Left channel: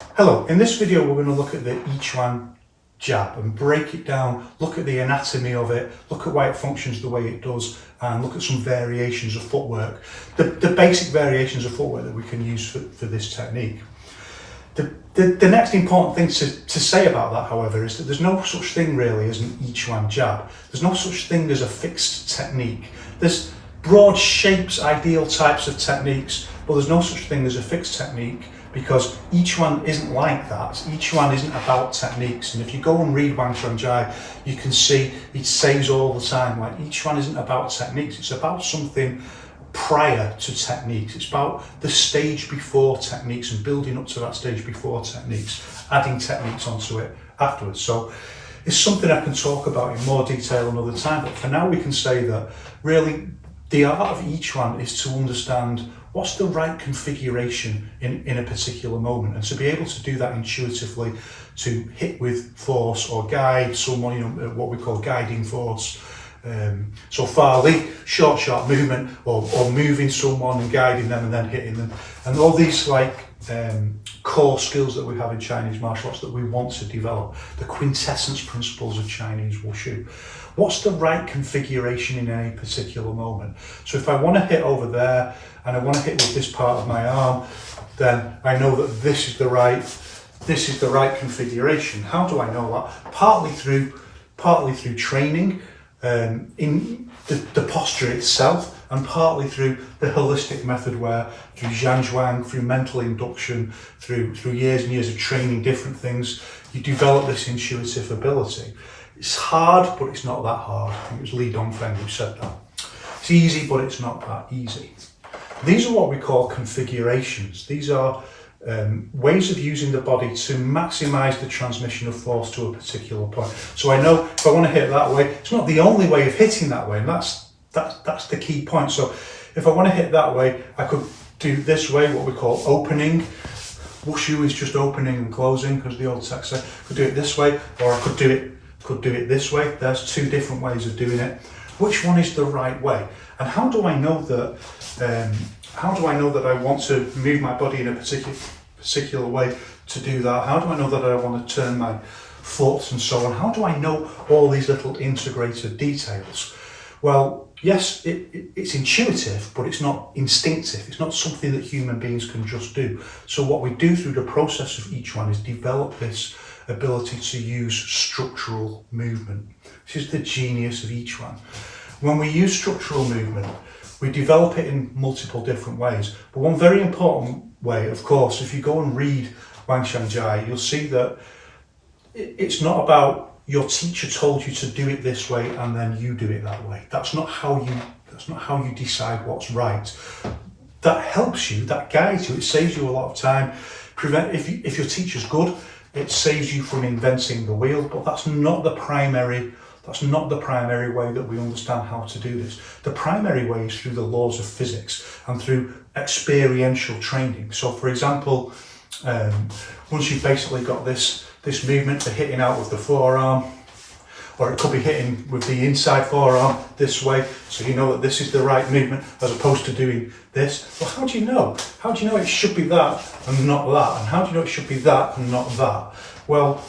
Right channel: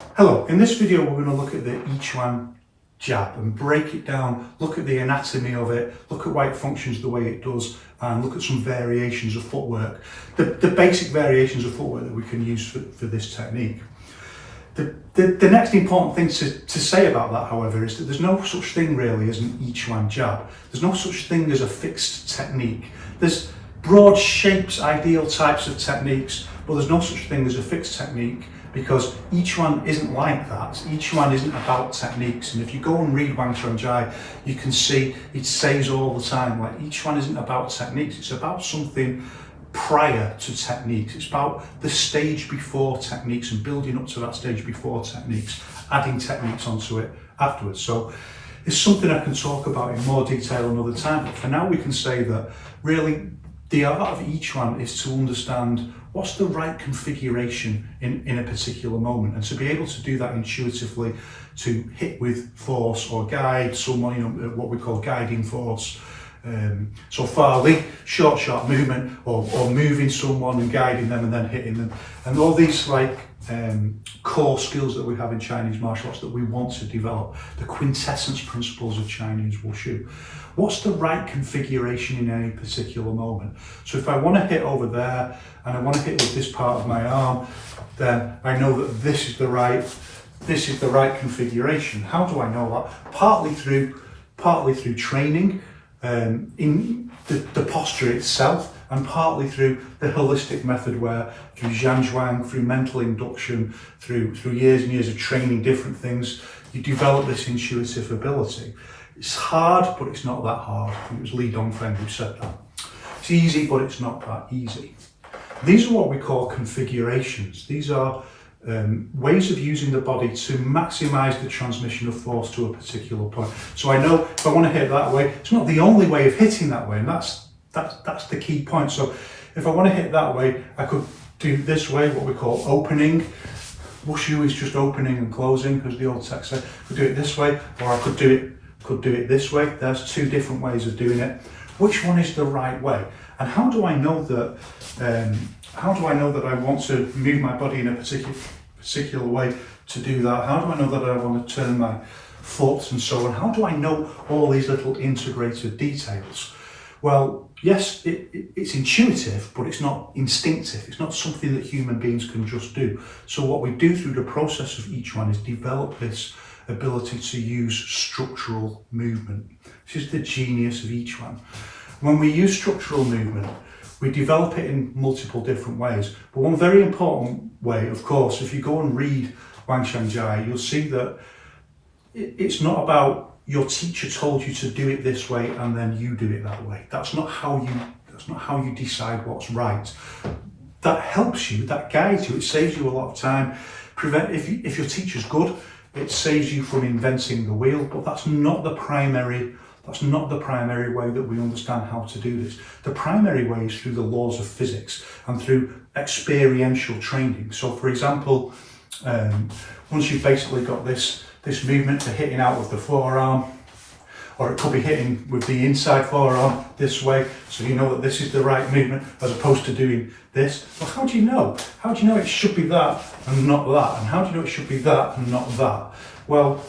Hello, in this video we're going to look at the Yiquan jab and break it down, look at the anatomy of it, look at why it functions the way it does, and look at some variations of footwork, the basic variations of footwork that we can use for this technique. The next important thing to say about that, however, is that there's no such thing really as an Yiquan jab. There's no such thing as a fixed technique. There's broad shapes, ideal types of techniques, but there's no such thing as a fixed technique, because each one isn't like that. Each one isn't about techniques. And if you go and read Wang Shangjai, you can see it says all the time, like, each one isn't about techniques. It's about something prior to techniques. It's about the stage before techniques and building up to that stage before techniques, adding techniques onto it afterwards. So it's something I can talk about in more detail another time, but for now we can say that really the art of each one is to understand what's the right configuration in a particular moment, and to be able to do that intuitively, to hit with force or guide someone, what we call guiding force. So Farley, short movement, or moving someone and guiding them and then hitting them, and all these core skills that we have in Chinese martial arts that we want to develop, the quintessence principles of Chinese Wushu. What's the right configuration in any particular moment? So if I want to hit over there and I want to hit with this part of my arm, then I know that this is the right configuration. How do I know that? Partly through training, in the posture itself, and partly through the holistic method, where through Zhanzhuang, through mental induction, through years and years of training different things, you develop this intuitive ability. It's hard, but it's not that hard. I think it was Li Dongfeng who said that. It's easy, but it's not that easy. These are what we call configurations. These are ways of using the body to maximize the transmission of force to a particular point. So I know if I want to hit that way, it's not the only way of hitting that way, and that's the key point. So if I want to hit that way, I could do this way, what we call opening. Wushu is just opening and closing, as the old text said. I could do it this way, or I could do it this way. There's two different ways of doing it. Which one is the right way? And how do I know that? How do I know that I want to move my body in a particular way to do that? How do I know that I want to turn my foot and so on? How do I know all these little integrated details? Well, yes, it's intuitive, but it's not instinctive. It's not something that human beings can just do. So what we do through the process of each one is develop this ability to use structural movement. This is the genius of each one. When we use structural movement, we develop it in multiple different ways. But one very important way, of course, if you go and read Wang Shangjai, you'll see that it's not about your teacher told you to do it this way and then you do it that way. That's not how you decide what's right. That helps you, that guides you, it saves you a lot of time. If your teacher's good, it saves you from inventing the wheel, but that's not the primary way that we understand how to do this. The primary way is through the laws of physics and through experiential training. So for example, once you've basically got this movement for hitting out with the forearm, or it could be hitting with the inside forearm this way, so you know that this is the right movement as opposed to doing this. Well, how do you know? How do you know it should be that and not that? And how do you know it should be that and not that? Well,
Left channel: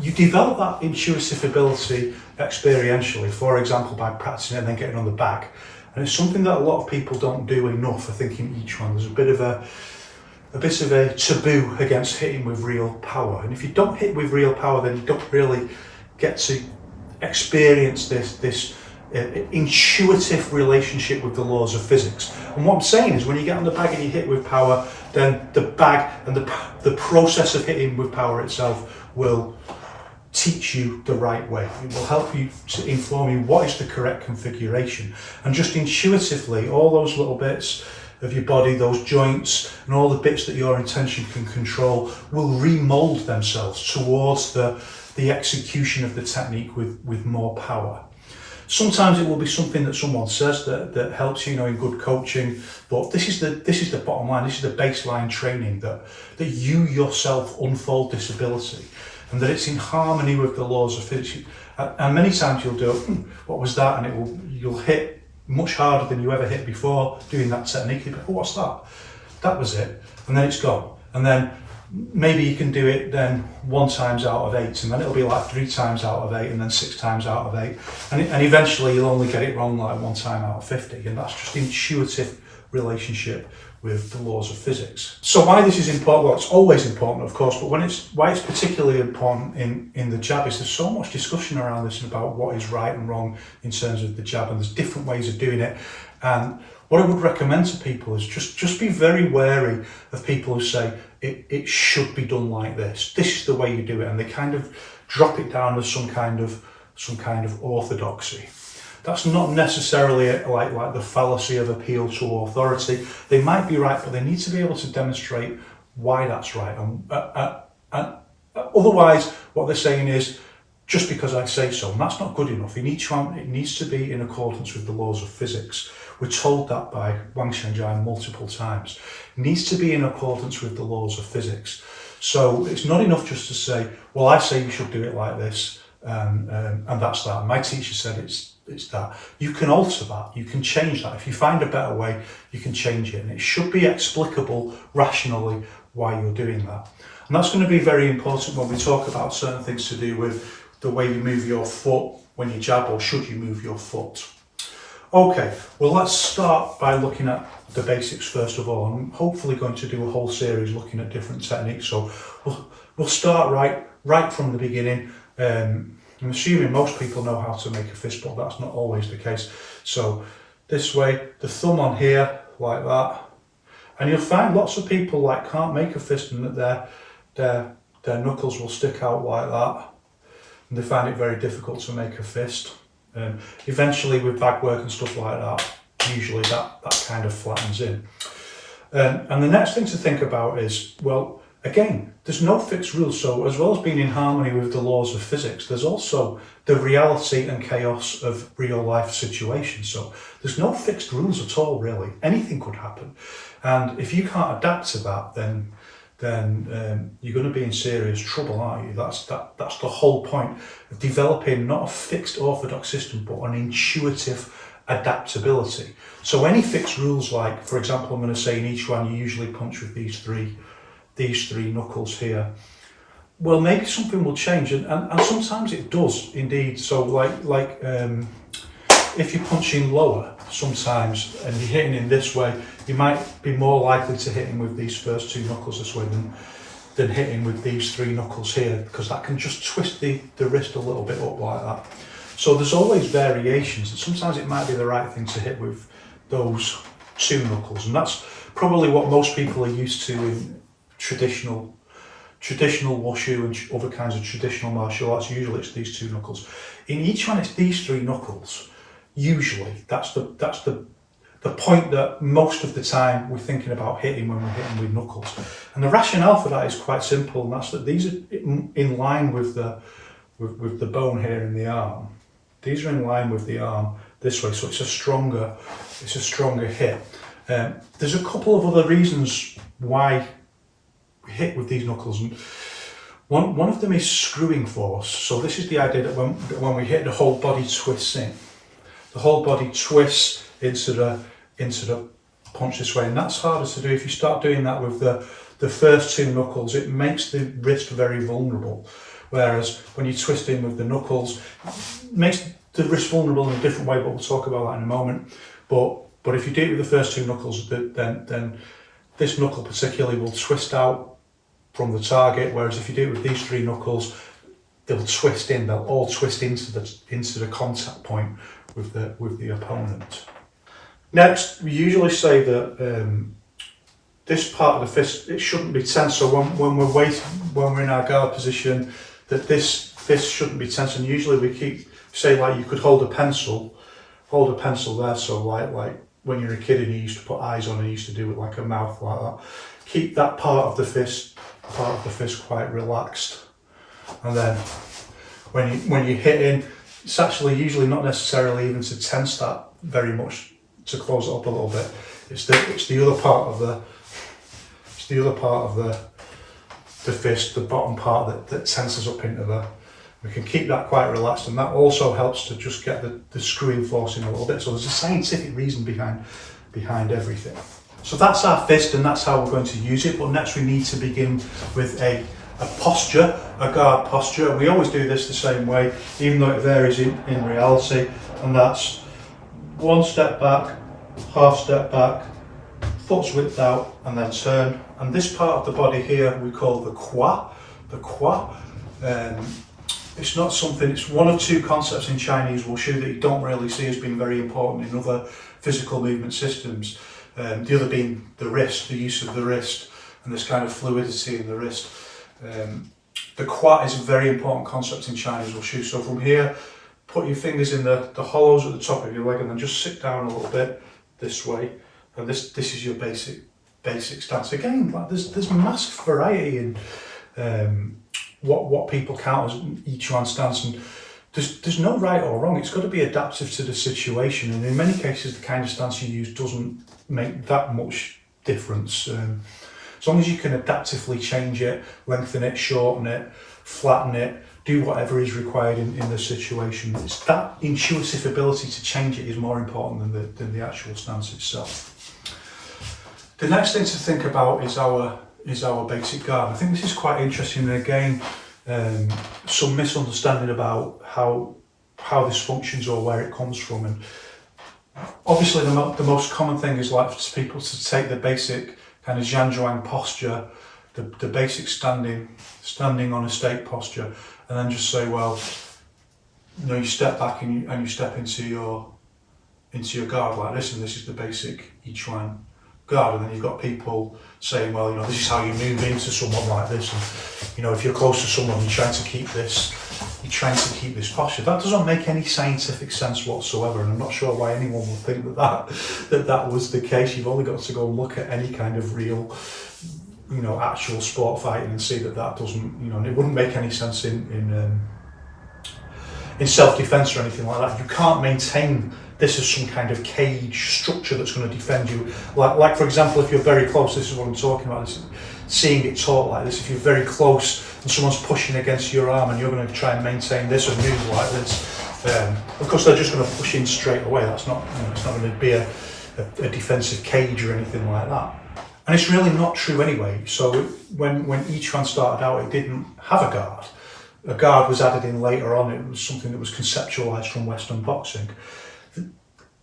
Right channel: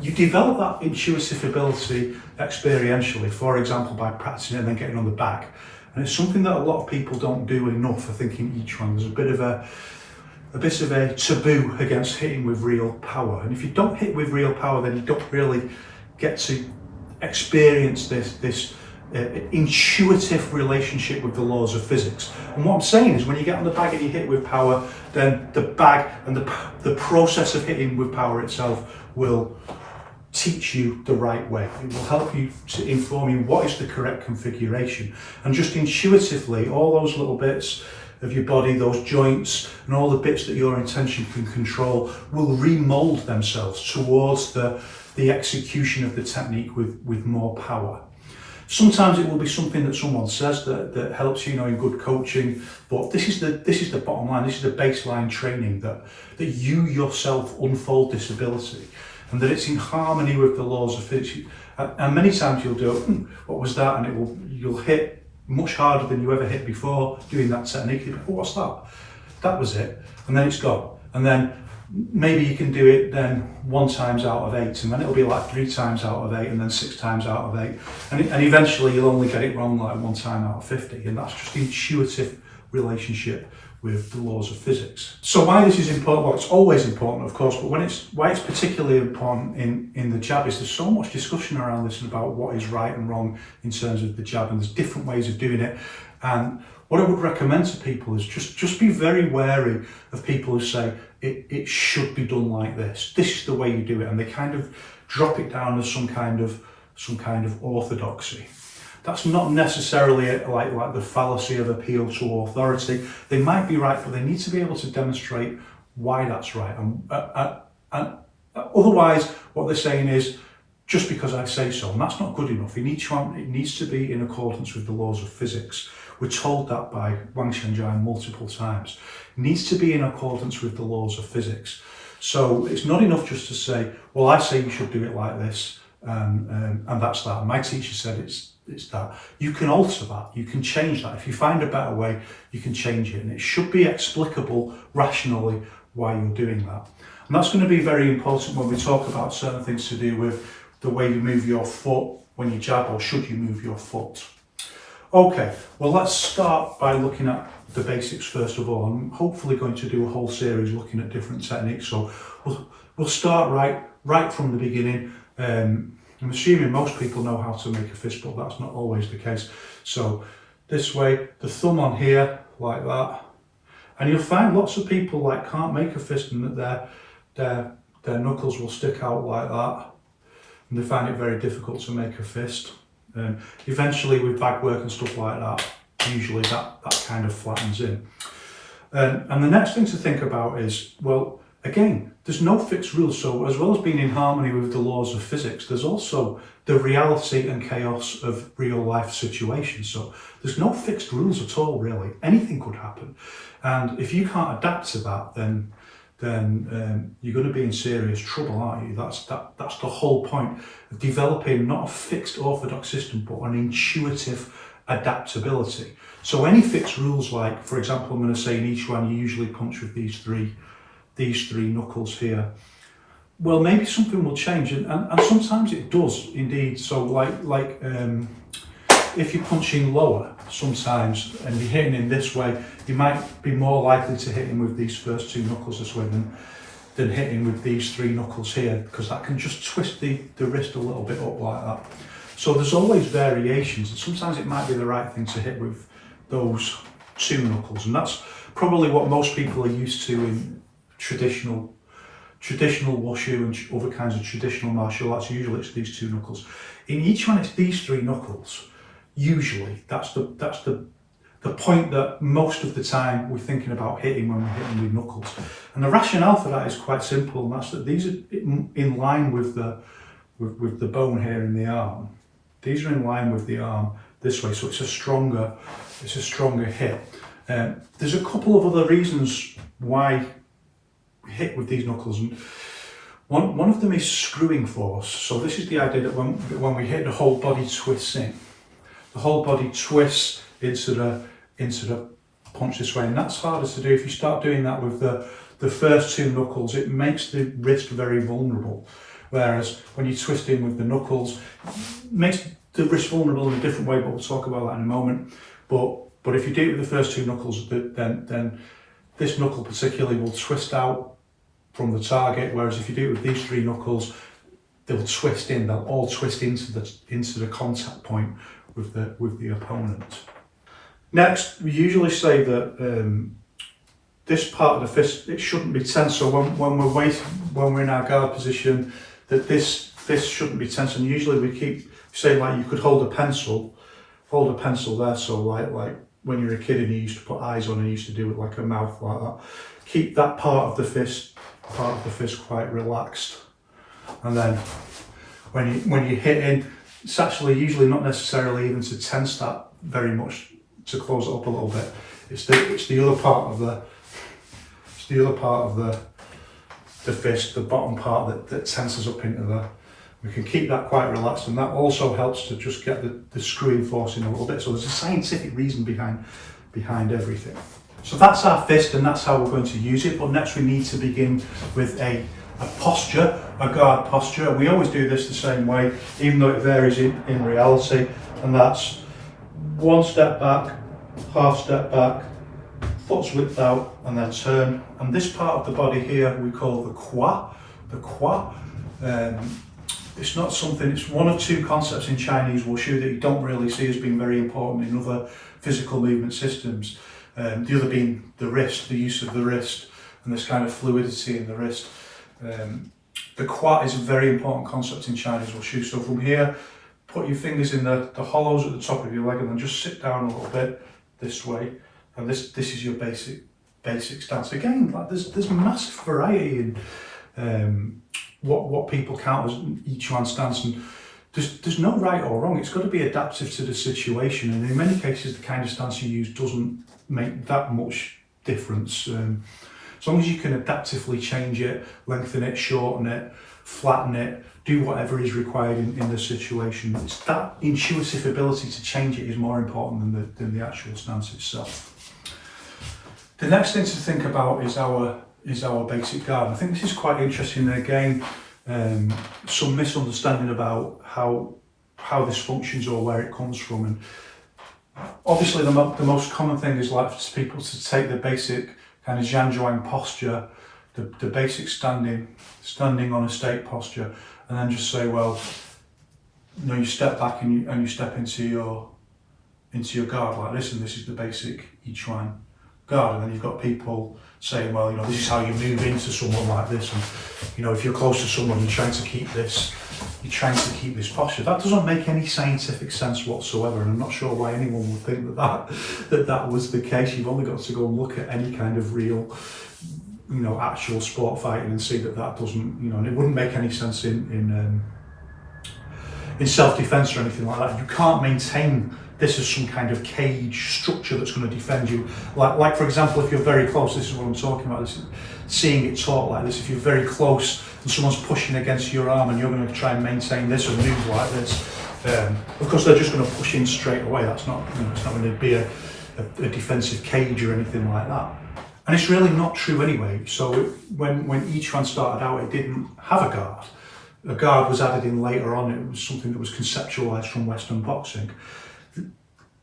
you develop that intuitive ability experientially, for example, by practicing it and then getting on the back. And it's something that a lot of people don't do enough, I think, in each one. There's a bit of a taboo against hitting with real power. And if you don't hit with real power, then you don't really get to experience this intuitive relationship with the laws of physics. And what I'm saying is, when you get on the bag and you hit with power, then the bag and the process of hitting with power itself will teach you the right way. It will help you to inform you what is the correct configuration. And just intuitively, all those little bits of your body, those joints and all the bits that your intention can control, will remold themselves towards the execution of the technique with more power. Sometimes it will be something that someone says that helps you, in good coaching, but this is the bottom line. This is the baseline training, that you yourself unfold this ability, and that it's in harmony with the laws of physics. And many times you'll do, what was that? And you'll hit much harder than you ever hit before doing that technique. You'll be, oh, what's that? That was it. And then it's gone. And then maybe you can do it then 1 times out of 8, and then it'll be like 3 times out of 8, and then 6 times out of 8, and eventually you'll only get it wrong like 1 time out of 50, and that's just intuitive relationship with the laws of physics. So why this is important? Well, it's always important, of course, but why it's particularly important in the jab is there's so much discussion around this about what is right and wrong in terms of the jab, and there's different ways of doing it. And what I would recommend to people is just be very wary of people who say it should be done like this. This is the way you do it, and they kind of drop it down as some kind of orthodoxy. That's not necessarily like the fallacy of appeal to authority. They might be right, but they need to be able to demonstrate why that's right. And otherwise, what they're saying is, just because I say so, and that's not good enough. It needs to be in accordance with the laws of physics. We're told that by Wang Xianjian multiple times. It needs to be in accordance with the laws of physics. So it's not enough just to say, well, I say you should do it like this, and that's that. My teacher said it's that. You can alter that, you can change that. If you find a better way, you can change it. And it should be explicable rationally why you're doing that. And that's going to be very important when we talk about certain things to do with the way you move your foot when you jab, or should you move your foot. Okay, well, let's start by looking at the basics first of all. I'm hopefully going to do a whole series looking at different techniques. So we'll start right from the beginning. I'm assuming most people know how to make a fist, but that's not always the case. So this way, the thumb on here, like that. And you'll find lots of people can't make a fist, and that their knuckles will stick out like that. And they find it very difficult to make a fist. Eventually with bag work and stuff like that, usually that kind of flattens in. And the next thing to think about is, well, again, there's no fixed rules. So as well as being in harmony with the laws of physics, there's also the reality and chaos of real life situations. So there's no fixed rules at all, really. Anything could happen. And if you can't adapt to that, then you're going to be in serious trouble, aren't you? That's the whole point of developing not a fixed orthodox system, but an intuitive adaptability. So any fixed rules, like, for example, I'm going to say in Yiquan you usually punch with these three knuckles here. Well, maybe something will change, and sometimes it does indeed. So like if you're punching lower sometimes and you're hitting in this way, you might be more likely to hit him with these first 2 knuckles this way than hitting with these 3 knuckles here, because that can just twist the wrist a little bit up like that. So there's always variations, and sometimes it might be the right thing to hit with those 2 knuckles, and that's probably what most people are used to in traditional wushu and other kinds of traditional martial arts. Usually it's these 2 knuckles. In each one it's these 3 knuckles. Usually that's the point that most of the time we're thinking about hitting when we're hitting with knuckles. And the rationale for that is quite simple, and that's that these are in line with the bone here in the arm. These are in line with the arm this way, so it's a stronger hit. There's a couple of other reasons why we hit with these knuckles, and one of them is screwing force. So this is the idea that when we hit, the whole body twists in. The whole body twists into the punch this way, and that's harder to do. If you start doing that with the first 2 knuckles, it makes the wrist very vulnerable. Whereas when you twist in with the knuckles, it makes the wrist vulnerable in a different way, but we'll talk about that in a moment. But if you do it with the first 2 knuckles, then this knuckle particularly will twist out from the target. Whereas if you do it with these 3 knuckles, they'll twist in. They'll all twist into the contact point with the opponent. Next, we usually say that this part of the fist, it shouldn't be tense. So when we're in our guard position, that this shouldn't be tense. And usually we say like you could hold a pencil there. So like when you're a kid and you used to put eyes on and you used to do it like a mouth like that. Keep that part of the fist quite relaxed. And then when you're hitting, it's actually usually not necessarily even to tense that very much, to close it up a little bit. It's the other part of the fist, the bottom part that tenses up into there. We can keep that quite relaxed, and that also helps to just get the screwing force in a little bit. So there's a scientific reason behind everything. So that's our fist, and that's how we're going to use it. But next we need to begin with a posture, a guard posture. We always do this the same way, even though it varies in reality. And that's one step back, half step back, foot's width out, and then turn. And this part of the body here we call the qua. The qua. It's not something, it's one or two concepts in Chinese wushu that you don't really see as being very important in other physical movement systems. The other being the wrist, the use of the wrist, and this kind of fluidity in the wrist. The qua is a very important concept in Chinese wushu. So from here, put your fingers in the hollows at the top of your leg, and then just sit down a little bit this way. And this is your basic stance. Again, like there's massive variety in what people count as Yiquan stance, and there's no right or wrong. It's got to be adaptive to the situation, and in many cases the kind of stance you use doesn't make that much difference. As long as you can adaptively change it, lengthen it, shorten it, flatten it, do whatever is required in the situation. It's that intuitive ability to change it is more important than the actual stance itself. The next thing to think about is our basic guard. I think this is quite interesting, and again, some misunderstanding about how this functions or where it comes from. And obviously the most common thing is like for people to take the basic kind of Zhanzhuang posture, the basic standing on a stake posture, and then just say, well, you know, you step back and you step into your guard like this, and this is the basic Yiquan guard. And then you've got people saying, well, you know, this is how you move into someone like this, and you know, if you're close to someone, you're trying to keep this posture. That doesn't make any scientific sense whatsoever, and I'm not sure why anyone would think that was the case. You've only got to go and look at any kind of real, you know, actual sport fighting and see that doesn't, you know, and it wouldn't make any sense in self-defense or anything like that. You can't maintain this as some kind of cage structure that's going to defend you. Like for example, if you're very close, this is what I'm talking about, this is seeing it taught like this. If you're very close and someone's pushing against your arm and you're going to try and maintain this or move like this, of course they're just going to push in straight away. That's not, you know, it's not going to be a defensive cage or anything like that. And it's really not true anyway. So when Yiquan started out, it didn't have a guard. A guard was added in later on. It was something that was conceptualized from Western boxing.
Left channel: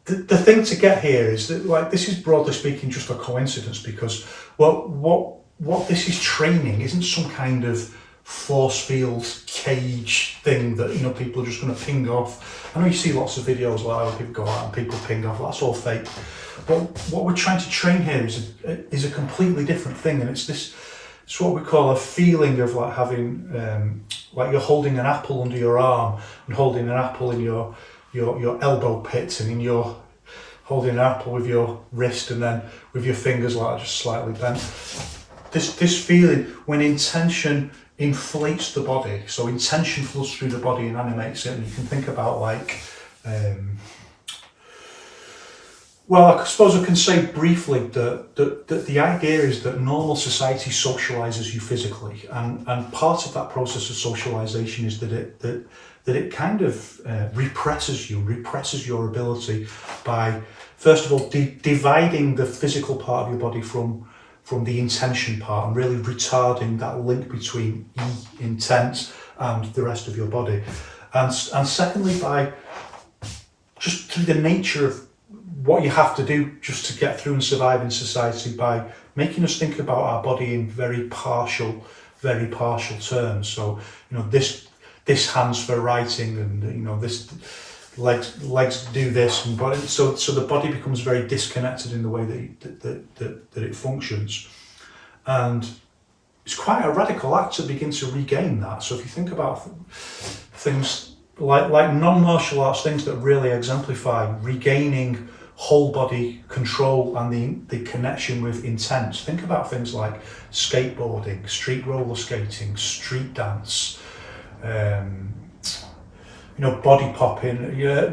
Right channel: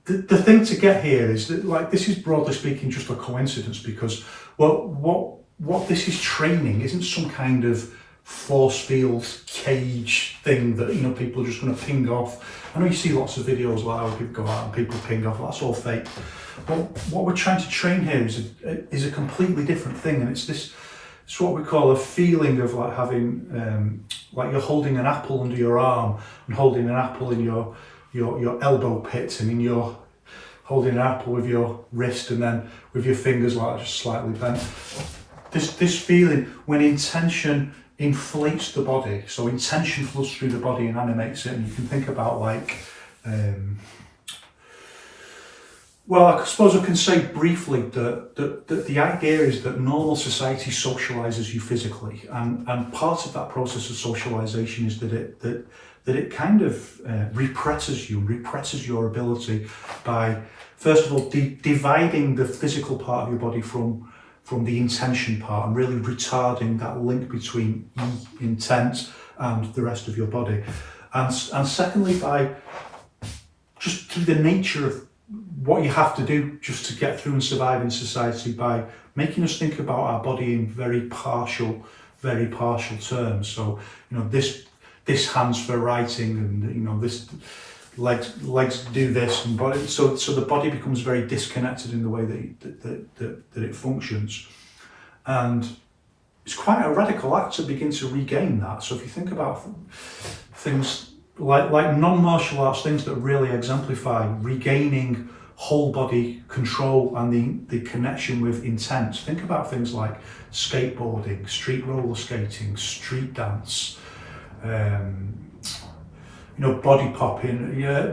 The thing to get here is that, like, this is broadly speaking just a coincidence, because what this is training isn't some kind of force field cage thing that, you know, people are just going to ping off. I know you see lots of videos like where people go out and people ping off. That's all fake. But what we're trying to train here is a completely different thing, and it's what we call a feeling of like having like you're holding an apple under your arm and holding an apple in your elbow pit, and you're holding an apple with your wrist and then with your fingers like just slightly bent. This feeling when intention inflates the body, so intention flows through the body and animates it, and you can think about like, well, I suppose I can say briefly that the idea is that normal society socialises you physically, and part of that process of socialisation is that it kind of represses your ability by, first of all, dividing the physical part of your body from the intention part, and really retarding that link between intent and the rest of your body. And secondly, by just through the nature of what you have to do just to get through and survive in society, by making us think about our body in very partial terms. So, you know, this hand's for writing, and you know, this legs do this, and body, so the body becomes very disconnected in the way that it functions, and it's quite a radical act to begin to regain that. So if you think about things like non-martial arts, things that really exemplify regaining whole body control and the connection with intent, think about things like skateboarding, street roller skating, street dance, you know, body popping,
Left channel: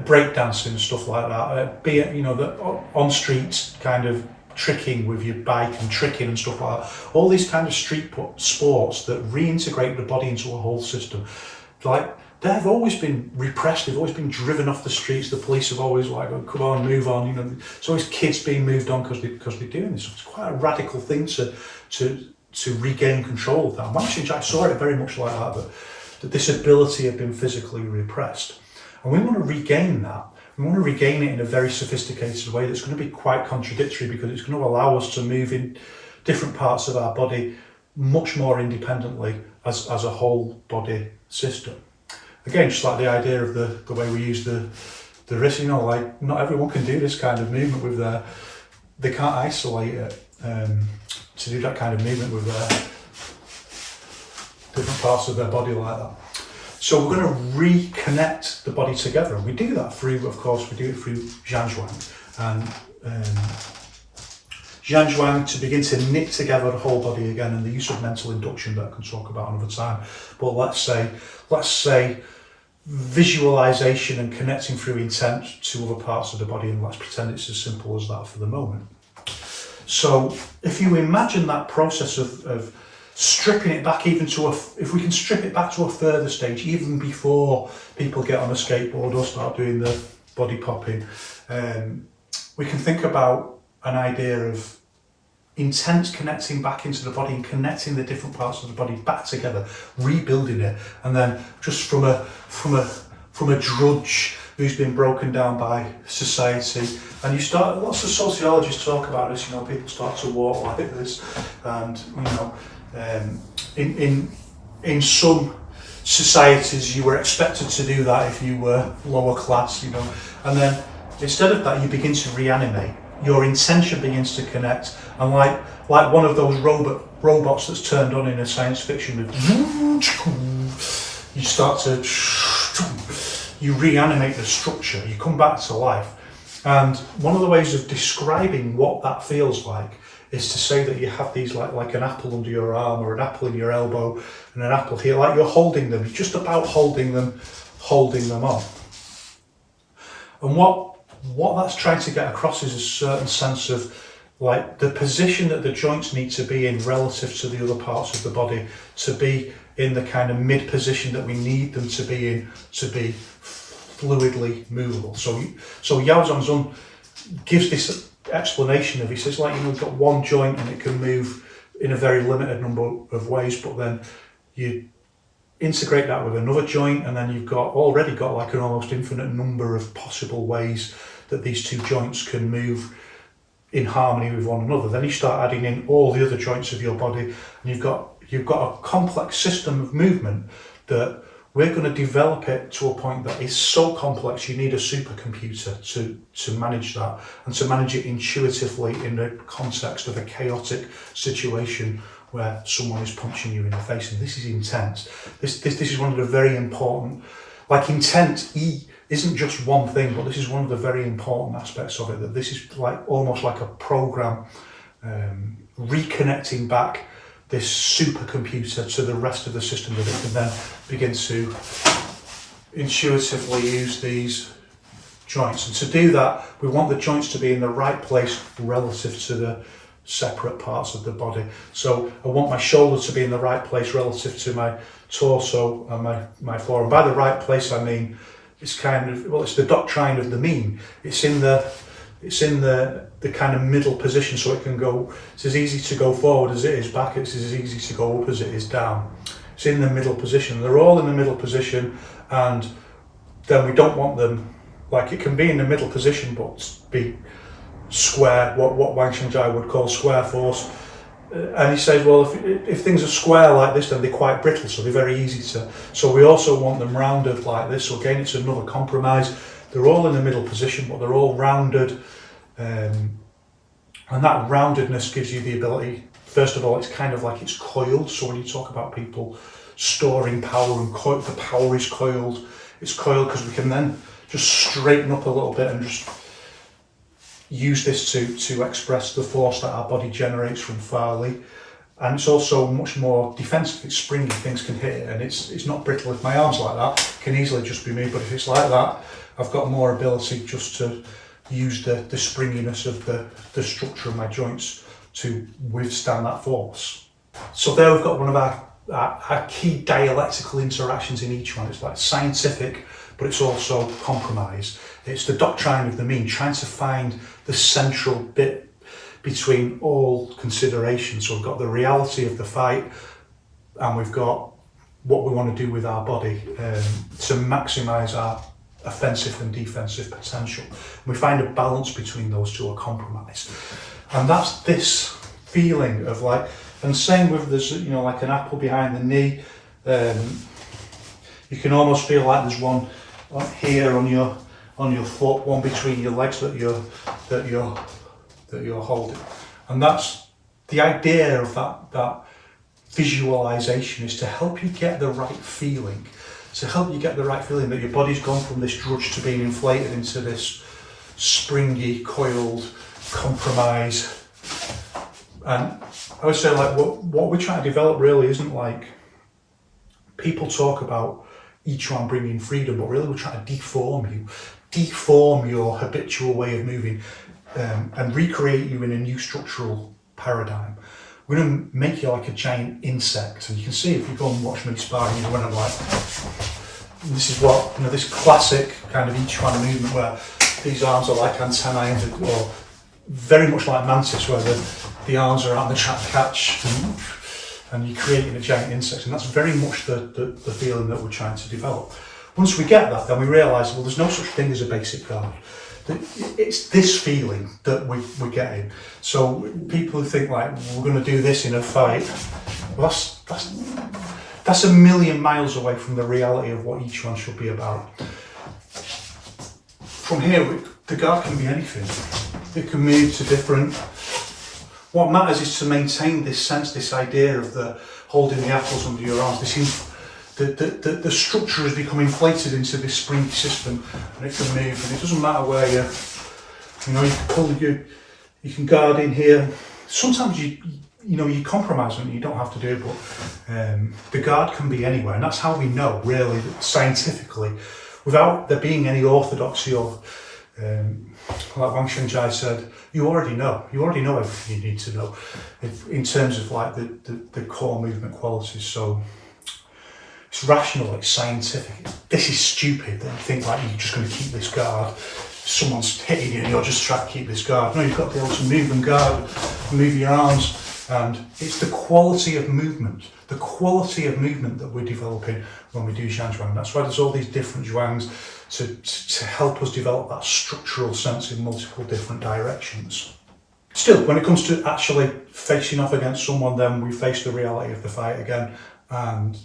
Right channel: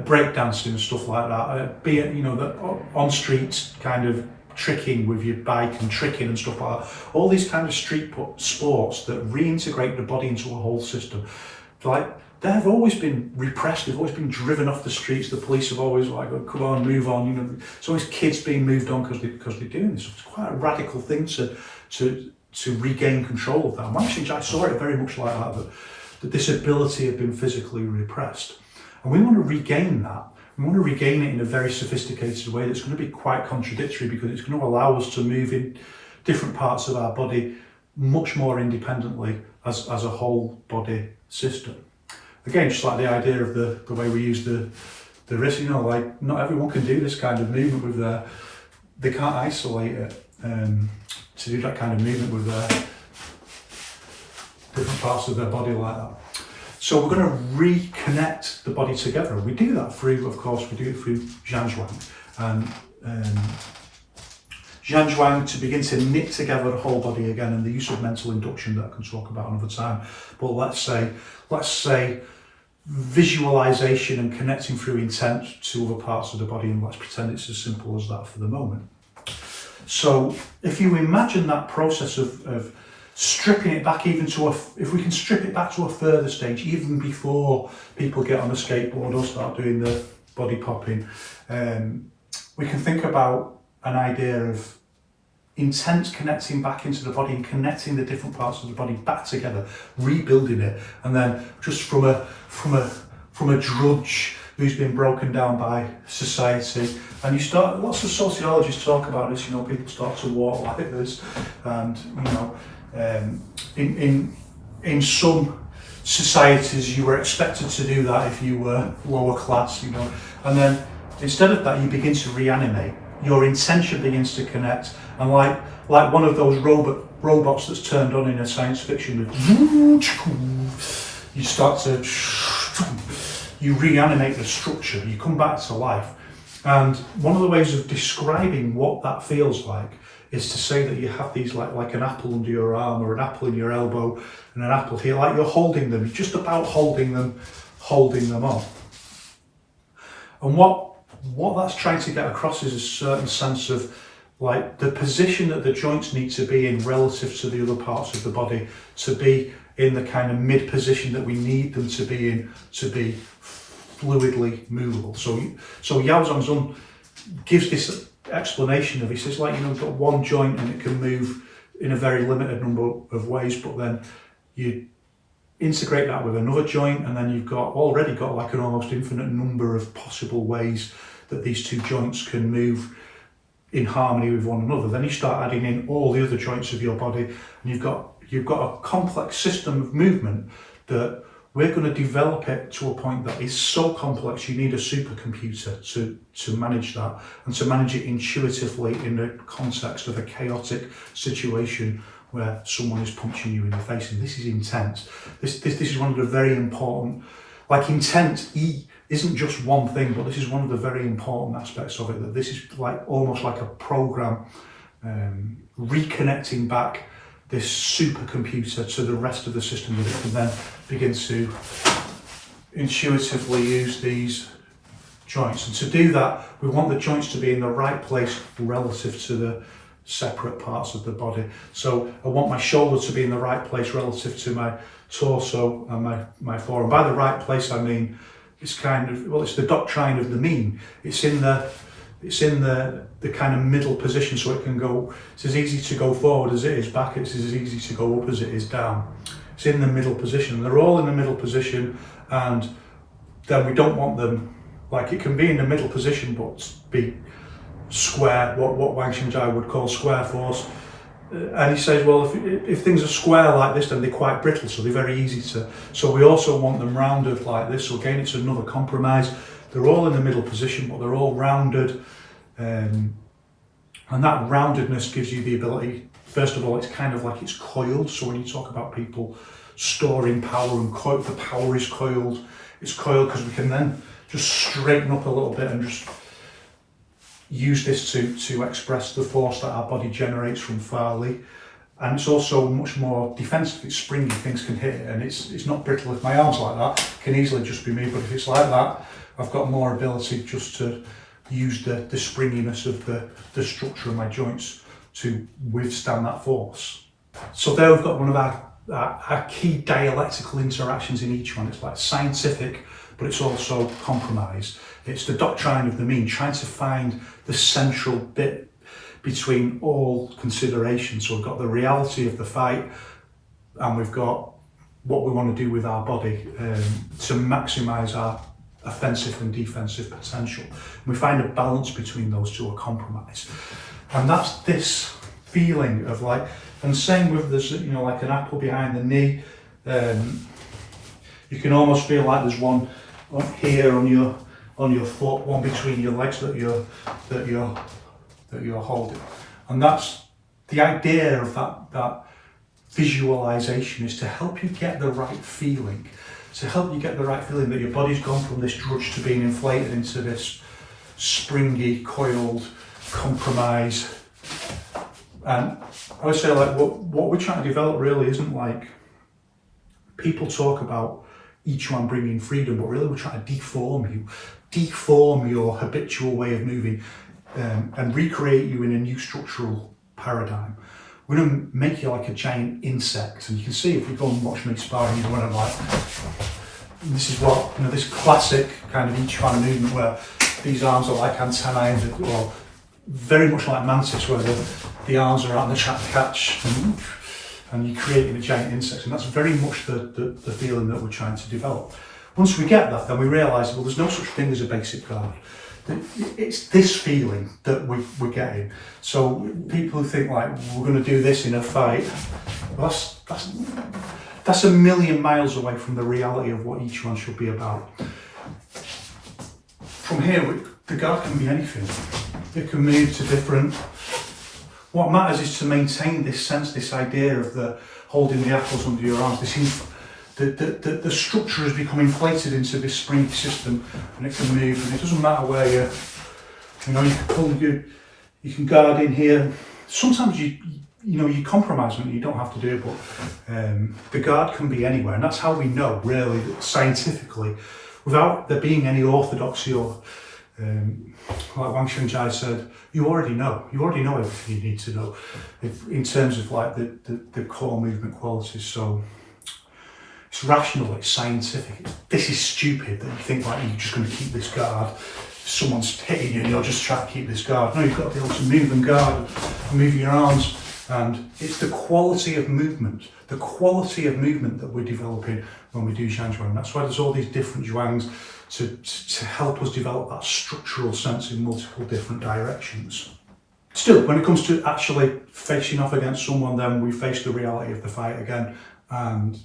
break dancing and stuff like that. Be it, you know, the on street kind of tricking with your bike and tricking and stuff like that. All these kind of street sports that reintegrate the body into a whole system. Like they've always been repressed, they've always been driven off the streets, the police have always like, oh, come on, move on, you know. It's always kids being moved on because they're doing this. It's quite a radical thing to regain control of that. And actually, I saw it very much like that this ability had been physically repressed. And we want to regain that. We want to regain it in a very sophisticated way that's going to be quite contradictory, because it's going to allow us to move in different parts of our body much more independently as a whole body system. Again, just like the idea of the way we use the wrist, you know, like not everyone can do this kind of movement with they can't isolate it to do that kind of movement with their different parts of their body like that. So we're going to reconnect the body together. We do that through, of course, we do it through Zhanzhuang. And Zhanzhuang to begin to knit together the whole body again, and the use of mental induction that I can talk about another time. But let's say visualization and connecting through intent to other parts of the body, and let's pretend it's as simple as that for the moment. So if you imagine that process of stripping it back even to if we can strip it back to a further stage, even before people get on a skateboard or start doing the body popping, we can think about an idea of intent connecting back into the body and connecting the different parts of the body back together, rebuilding it, and then just from a drudge who's been broken down by society. And you start, lots of sociologists talk about this, you know, people start to walk like this, and you know, in some societies you were expected to do that if you were lower class, you know, and then instead of that you begin to reanimate. Your intention begins to connect, and like one of those robots that's turned on in a science fiction, you start to, you reanimate the structure, you come back to life. And one of the ways of describing what that feels like is to say that you have these like an apple under your arm, or an apple in your elbow, and an apple here, like you're holding them, you're just about holding them on. And what that's trying to get across is a certain sense of like the position that the joints need to be in relative to the other parts of the body, to be in the kind of mid position that we need them to be in to be fluidly movable. So Yao Zhangzun gives this explanation of, he says, like, you know, you've got one joint and it can move in a very limited number of ways, but then you integrate that with another joint, and then you've already got like an almost infinite number of possible ways that these two joints can move in harmony with one another. Then you start adding in all the other joints of your body, and you've got a complex system of movement that we're going to develop it to a point that is so complex you need a supercomputer to manage that, and to manage it intuitively in the context of a chaotic situation where someone is punching you in the face. And this is intense. This is one of the very important, like intent isn't just one thing, but this is one of the very important aspects of it, that this is like almost like a program reconnecting back this supercomputer to the rest of the system, that it can then begin to intuitively use these joints. And to do that, we want the joints to be in the right place relative to the separate parts of the body. So I want my shoulder to be in the right place relative to my torso and my forearm. By the right place, I mean it's kind of, well, it's the doctrine of the mean. It's in the kind of middle position, so it can go, it's as easy to go forward as it is back, it's as easy to go up as it is down. It's in the middle position. They're all in the middle position, and then we don't want them, like, it can be in the middle position but be square, what Wang Shengjai would call square force. And he says, well, if things are square like this, then they're quite brittle, so they're very easy to, so we also want them rounded like this. So again, it's another compromise. They're all in the middle position, but they're all rounded, and that roundedness gives you the ability, first of all, it's kind of like it's coiled. So when you talk about people storing power, and the power is coiled, it's coiled because we can then just straighten up a little bit and just use this to express the force that our body generates from Farley. And it's also much more defensive, it's springy, things can hit it, and it's not brittle. If my arm's like that, it can easily just be moved, but if it's like that, I've got more ability just to use the springiness of the structure of my joints to withstand that force. So there we've got one of our our key dialectical interactions in each one. It's like scientific, but it's also compromise. It's the doctrine of the mean, trying to find the central bit between all considerations. So we've got the reality of the fight, and we've got what we want to do with our body to maximise our offensive and defensive potential. We find a balance between those two, a compromise. And that's this feeling of like, and same with there's, you know, like an apple behind the knee. You can almost feel like there's one here on your foot, one between your legs that you're holding. And that's the idea of that visualization, is to help you get the right feeling. To help you get the right feeling that your body's gone from this drudge to being inflated into this springy, coiled compromise. And I would say, like, what we're trying to develop really isn't like, people talk about Yiquan bringing freedom, but really we're trying to deform your habitual way of moving, and recreate you in a new structural paradigm. We're going to make you like a giant insect, and you can see if you go and watch me sparring, you're going to like, this is what, you know, this classic kind of Yiquan movement where these arms are like antennae, or very much like mantis, where the arms are out and they're trying to catch, and you're creating a giant insect, and that's very much the feeling that we're trying to develop. Once we get that, then we realise, well, there's no such thing as a basic guard. It's this feeling that we're getting. So people who think like, we're going to do this in a fight, well, that's a million miles away from the reality of what each one should be about. From here, the guard can be anything. It can move to different. What matters is to maintain this sense, this idea of the holding the apples under your arms. The structure has become inflated into this springy system, and it can move, and it doesn't matter where you know, you can pull you can guard in here. Sometimes you compromise on it, you don't have to do it, but the guard can be anywhere, and that's how we know, really, scientifically, without there being any orthodoxy of, like Wang Shunjai said, you already know everything you need to know in terms of like the core movement qualities. So it's rational, it's scientific. This is stupid that you think like you're just going to keep this guard. Someone's hitting you and you're just trying to keep this guard. No, you've got to be able to move and guard, move your arms. And it's the quality of movement that we're developing when we do Zhanzhuang. That's why there's all these different zhuangs to help us develop that structural sense in multiple different directions. Still, when it comes to actually facing off against someone, then we face the reality of the fight again, and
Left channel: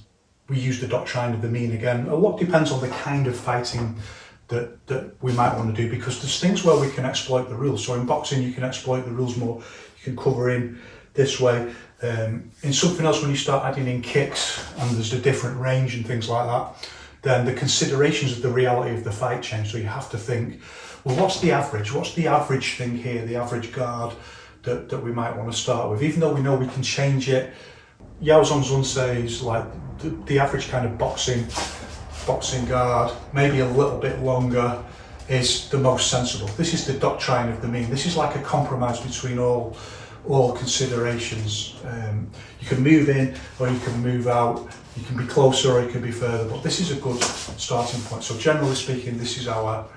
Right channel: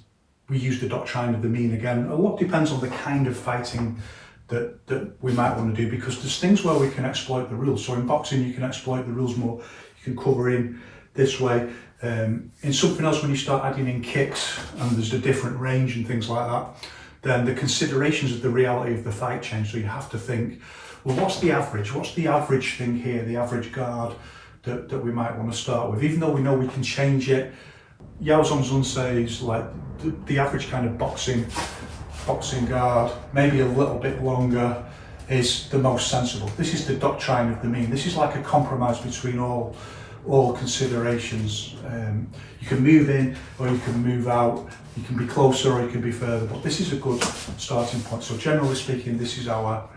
we use the doctrine of the mean again. A lot depends on the kind of fighting that we might want to do, because there's things where we can exploit the rules. So in boxing, you can exploit the rules more. You can cover in this way. In something else, when you start adding in kicks and there's a different range and things like that, then the considerations of the reality of the fight change. So you have to think, well, what's the average? What's the average thing here, the average guard that we might want to start with? Even though we know we can change it, Yao Zhongzun says like the average kind of boxing guard, maybe a little bit longer, is the most sensible. This is the doctrine of the mean. This is like a compromise between all considerations. You can move in or you can move out, you can be closer or you can be further, but this is a good starting point. So generally speaking, this is our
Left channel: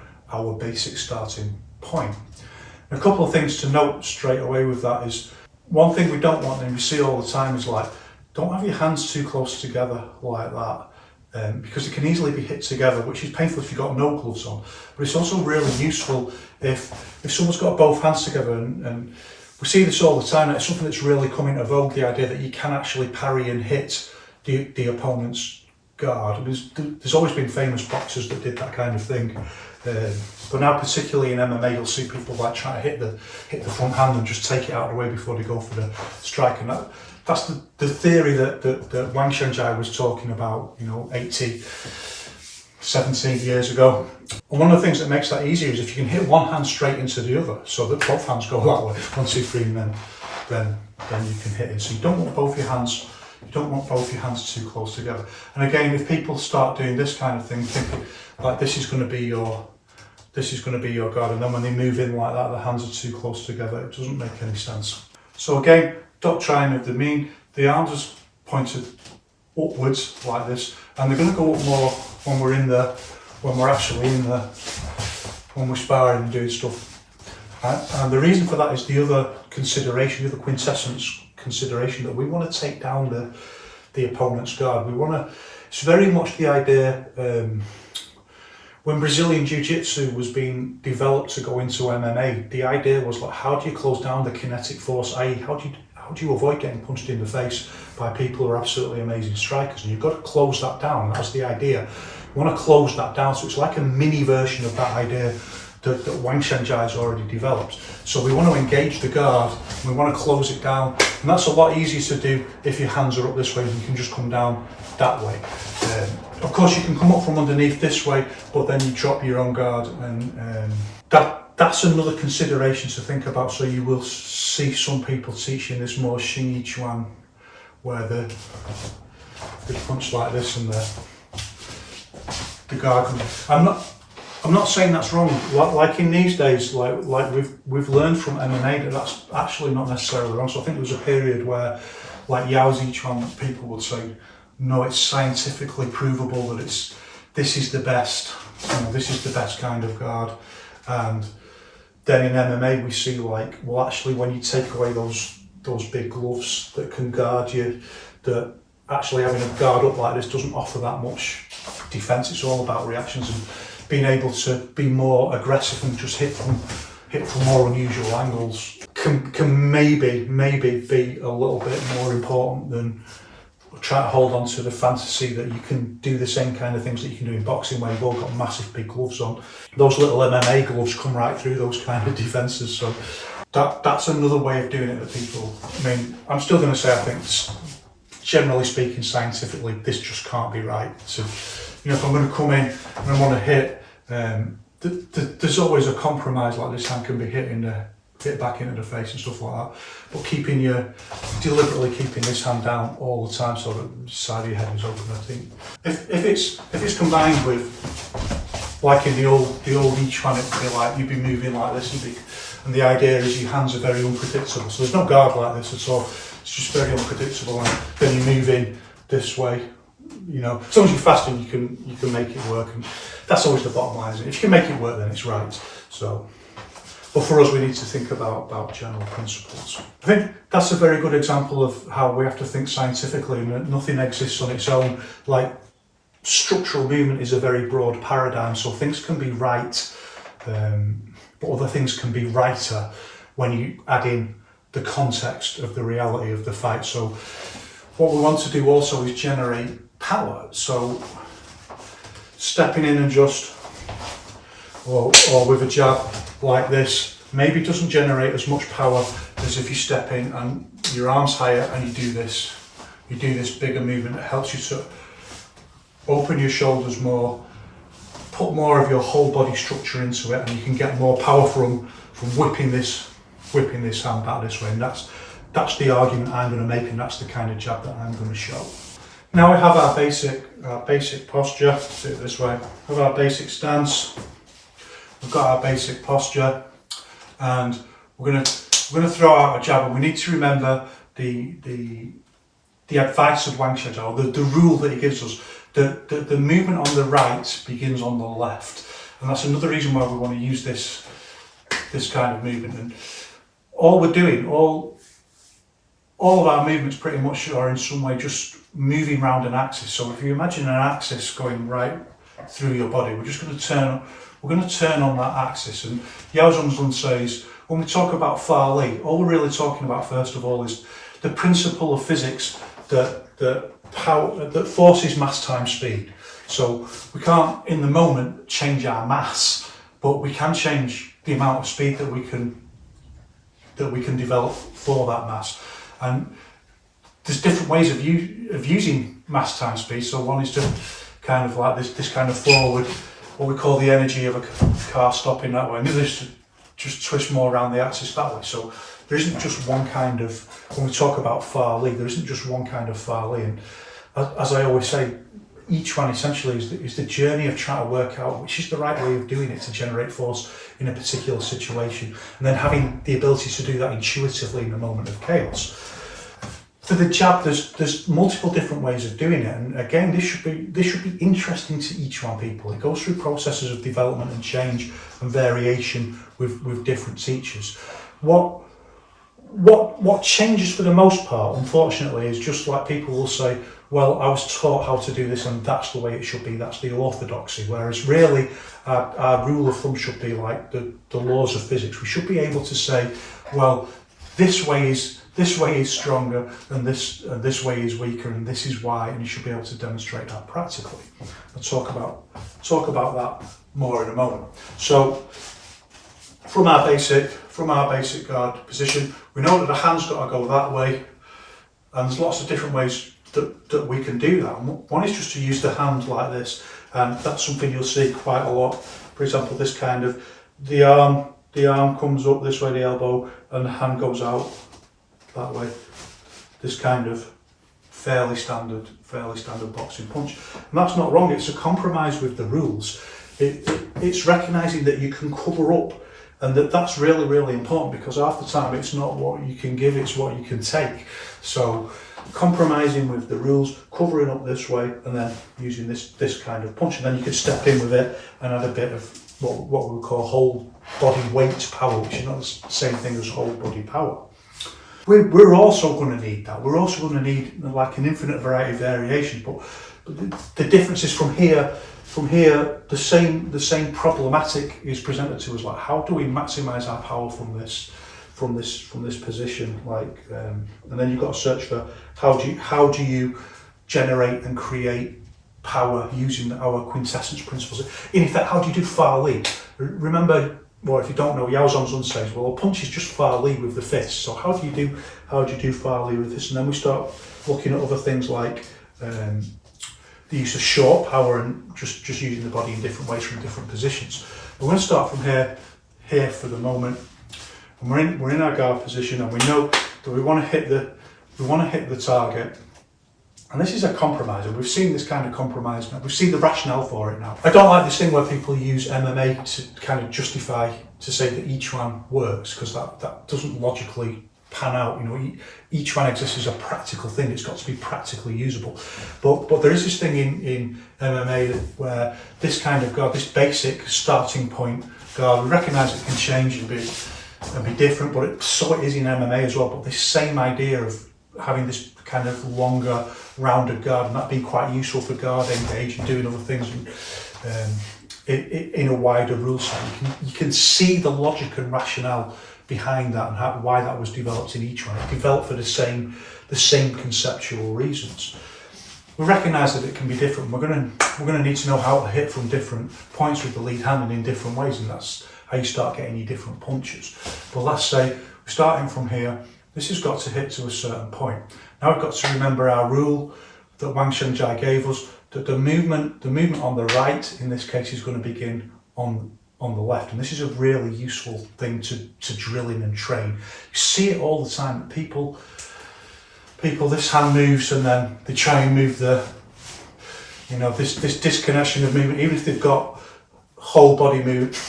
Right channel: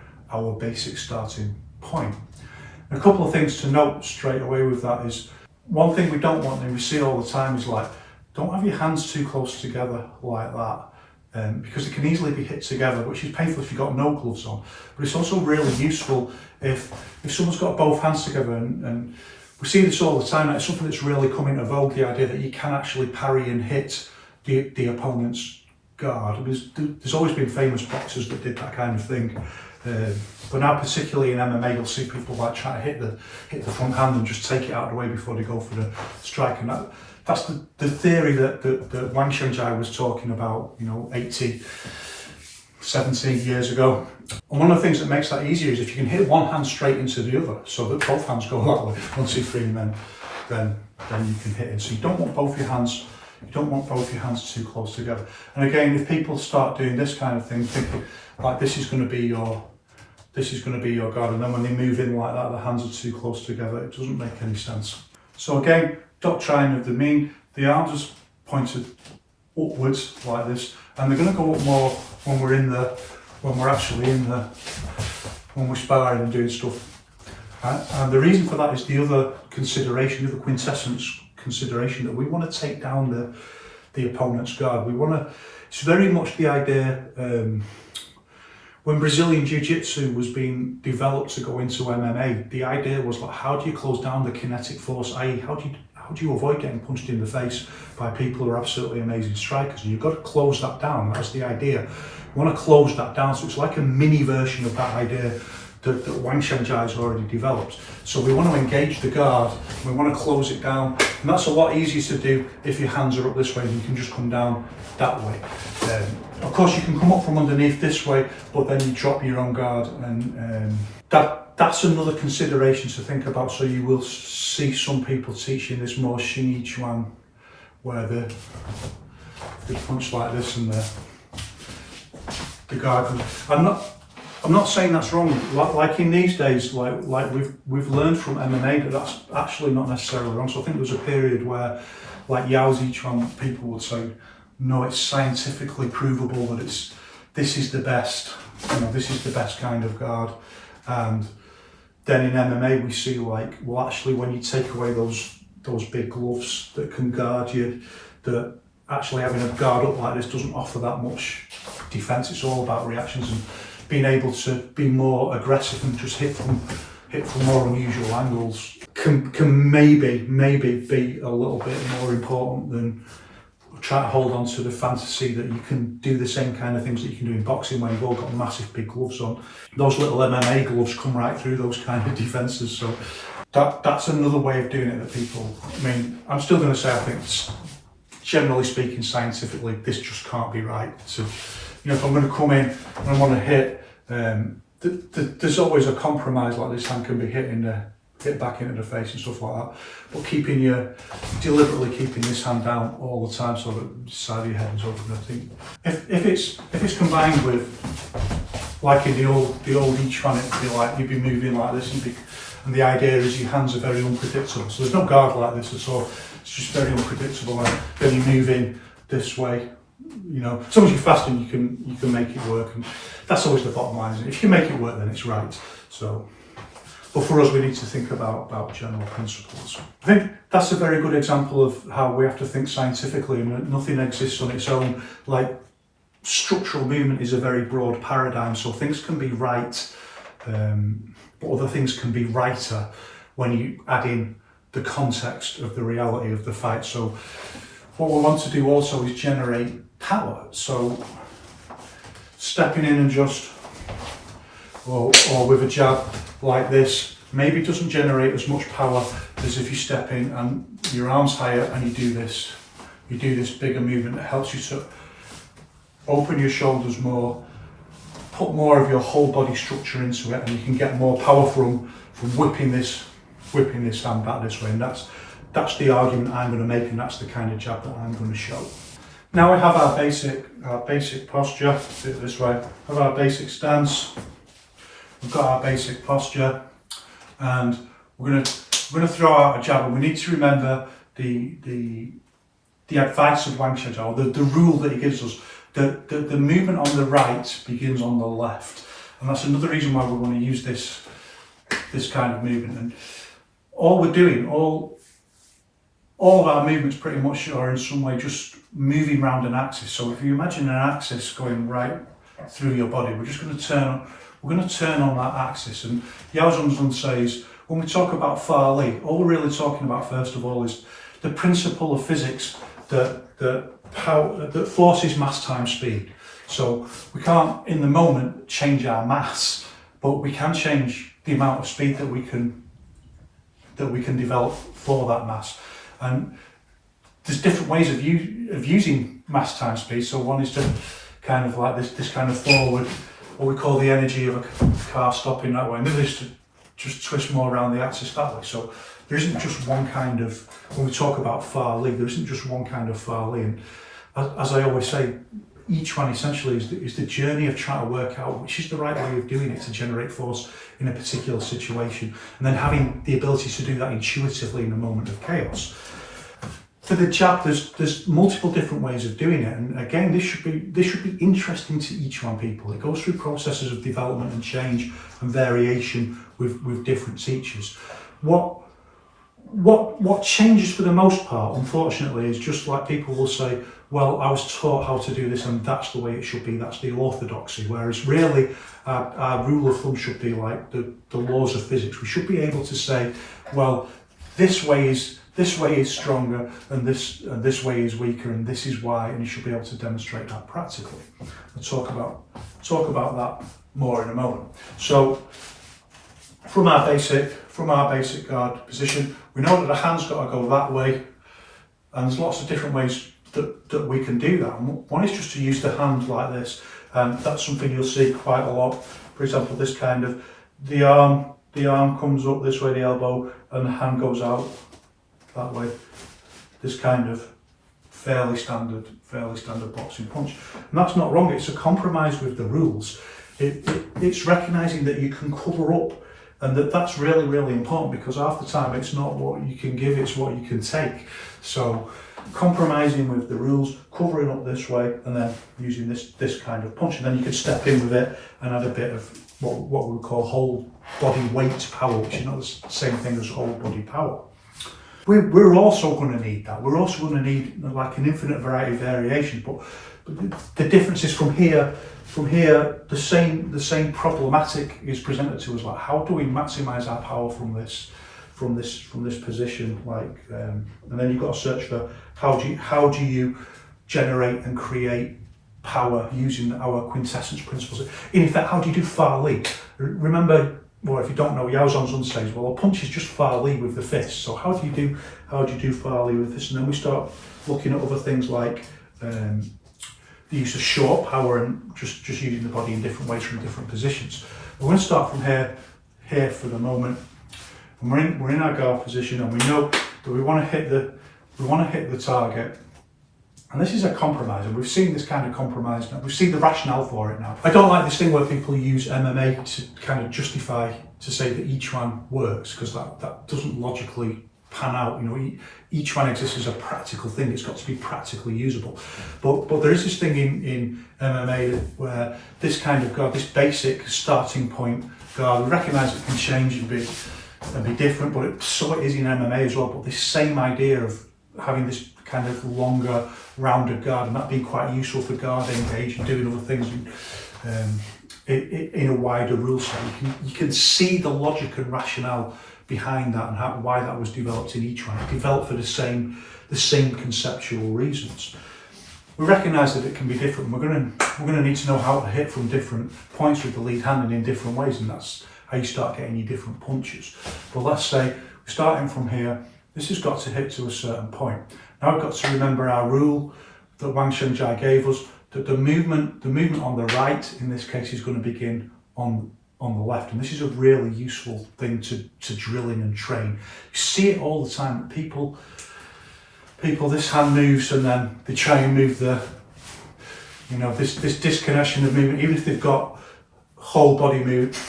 basic starting point. And a couple of things to note straight away with that is, one thing we don't want, and we see all the time, is like, don't have your hands too close together like that, because it can easily be hit together, which is painful if you've got no gloves on. But it's also really useful if someone's got both hands together, and we see this all the time. It's something that's really come into vogue, the idea that you can actually parry and hit the opponent's guard. There's always been famous boxers that did that kind of thing. But now, particularly in MMA, you'll see people like try to hit the front hand and just take it out of the way before they go for the strike. And that's the theory that Wang Shunjai was talking about, 80, 70 years ago. And one of the things that makes that easier is if you can hit one hand straight into the other, so that both hands go that way, 1, 2, 3, and then you can hit it. So you don't want both your hands too close together. And again, if people start doing this kind of thing, thinking like this is going to be your guard, and then when they move in like that, the hands are too close together, it doesn't make any sense. So again, doctrine of the mean, the arms are pointed upwards like this, and they're going to go up more when we're actually when we're sparring and doing stuff. And the reason for that is the other consideration, the other quintessence consideration, that we want to take down the opponent's guard. It's very much the idea, when Brazilian Jiu-Jitsu was being developed to go into MMA, the idea was like, how do you close down the kinetic force, i.e. how do you avoid getting punched in the face by people who are absolutely amazing strikers? And you've got to close that down. That's the idea. You want to close that down, so it's like a mini version of that idea that Wang Shenjai has already developed. So we want to engage the guard, we want to close it down, and that's a lot easier to do if your hands are up this way and you can just come down that way. Of course you can come up from underneath this way, but then you drop your own guard, and that's another consideration to think about. So you will see some people teaching this more Xing Yiquan, where they punch like this and the guard comes. I'm not saying that's wrong. Like in these days, like we've learned from MMA that that's actually not necessarily wrong. So I think there was a period where, like Yao Zichuan, people would say, no, it's scientifically provable that this is the best. This is the best kind of guard. And then in MMA we see, like, well, actually when you take away those big gloves that can guard you, that actually having a guard up like this doesn't offer that much defense. It's all about reactions and being able to be more aggressive and just hit from more unusual angles can maybe be a little bit more important than trying to hold on to the fantasy that you can do the same kind of things that you can do in boxing, where you've all got massive big gloves on. Those little MMA gloves come right through those kind of defences. So that's another way of doing it that people, I mean, I'm still going to say, I think, generally speaking, scientifically, this just can't be right. So, if I'm going to come in and I want to hit, there's always a compromise. Like, this hand can be hit back into the face and stuff like that. But deliberately keeping this hand down all the time, so that the side of your head is open. I think if it's combined with, like in the old Yiquan, it'd be like you'd be moving like this, and the idea is your hands are very unpredictable. So there's no guard like this at all. It's just very unpredictable, and then you move in this way. As long as you're fast and you can make it work, and that's always the bottom line, isn't it? If you can make it work, then it's right. So, but for us, we need to think about general principles. I think that's a very good example of how we have to think scientifically, and that nothing exists on its own. Like, structural movement is a very broad paradigm, so things can be right, but other things can be righter when you add in the context of the reality of the fight. So what we want to do also is generate power. So stepping in and just, or with a jab like this, maybe doesn't generate as much power as if you step in and your arm's higher and you do this bigger movement that helps you to open your shoulders more, put more of your whole body structure into it, and you can get more power from whipping this hand back this way. And that's the argument I'm going to make, and that's the kind of jab that I'm going to show. Now we have our basic posture. Do it this way. We have our basic stance. We've got our basic posture, and we're going to throw out a jab. And we need to remember the advice of Wang Shenjai, the rule that he gives us. The movement on the right begins on the left, and that's another reason why we want to use this kind of movement. And all we're doing, all of our movements pretty much are in some way just moving around an axis. So if you imagine an axis going right through your body, we're going to turn on that axis. And Yao Zhongzun says, when we talk about Fa Li, all we're really talking about first of all is the principle of physics that forces mass times speed. So we can't in the moment change our mass, but we can change the amount of speed that we can develop for that mass. And there's different ways of using mass times speed. So one is to kind of like this kind of forward, what we call the energy of a car stopping that way. And the other is to just twist more around the axis that way. So there isn't just one kind of, when we talk about Fa Li, there isn't just one kind of Fa Li. And as I always say, each one essentially is the journey of trying to work out which is the right way of doing it to generate force in a particular situation, and then having the ability to do that intuitively in a moment of chaos. For the jab, there's multiple different ways of doing it, and again, this should be interesting to each one people. It goes through processes of development and change and variation with different teachers. What changes for the most part, unfortunately, is just like people will say, well, I was taught how to do this and that's the way it should be, that's the orthodoxy, whereas really our rule of thumb should be like the laws of physics. We should be able to say, well, this way is stronger and this way is weaker and this is why, and you should be able to demonstrate that practically. I'll talk about that more in a moment. So from our basic guard position, we know that the hand's got to go that way, and there's lots of different ways that we can do that. And one is just to use the hand like this, and that's something you'll see quite a lot. For example, this kind of, the arm comes up this way, the elbow, and the hand goes out that way. This kind of fairly standard boxing punch, and that's not wrong. It's a compromise with the rules. It's recognizing that you can cover up, and that's really, really important, because half the time it's not what you can give, it's what you can take. So compromising with the rules, covering up this way, and then using this kind of punch, and then you can step in with it and add a bit of what we would call whole body weight power, which is not the same thing as whole body power. We're also going to need that. We're also going to need like an infinite variety of variations, but the difference is from here, the same problematic is presented to us. Like, how do we maximize our power from this position? Like, and then you've got to search for how do you generate and create power using our quintessence principles. In effect, how do you do Far Li? Remember, well, if you don't know, Yaozong's on stage. Well, a punch is just Far Li with the fist. So how do you do Far Li with this? And then we start looking at other things like the use of short power and just using the body in different ways from different positions. We're going to start from here for the moment. And we're in our guard position, and we know that we want to hit the target. And this is a compromise, and we've seen this kind of compromise now. We've seen the rationale for it now. I don't like this thing where people use MMA to kind of justify, to say that each one works, because that doesn't logically pan out. You know, each one exists as a practical thing. It's got to be practically usable. But there is this thing in MMA where this kind of guard, this basic starting point guard, we recognise it can change and be different, but so it is in MMA as well. But this same idea of having this kind of longer, rounded guard, and that being quite useful for guard engage and doing other things in a wider rule set. You can see the logic and rationale behind that and why that was developed in each one. It developed for the same conceptual reasons. We recognise that it can be different. We're going to need to know how to hit from different points with the lead hand and in different ways, and that's how you start getting your different punches. But let's say we're starting from here. This has got to hit to a certain point. Now we've got to remember our rule that Wang Shenjai gave us, that the movement on the right in this case is going to begin on the left, and this is a really useful thing to drill in and train. You see it all the time. People, this hand moves and then they try and move this disconnection of movement, even if they've got whole body movement.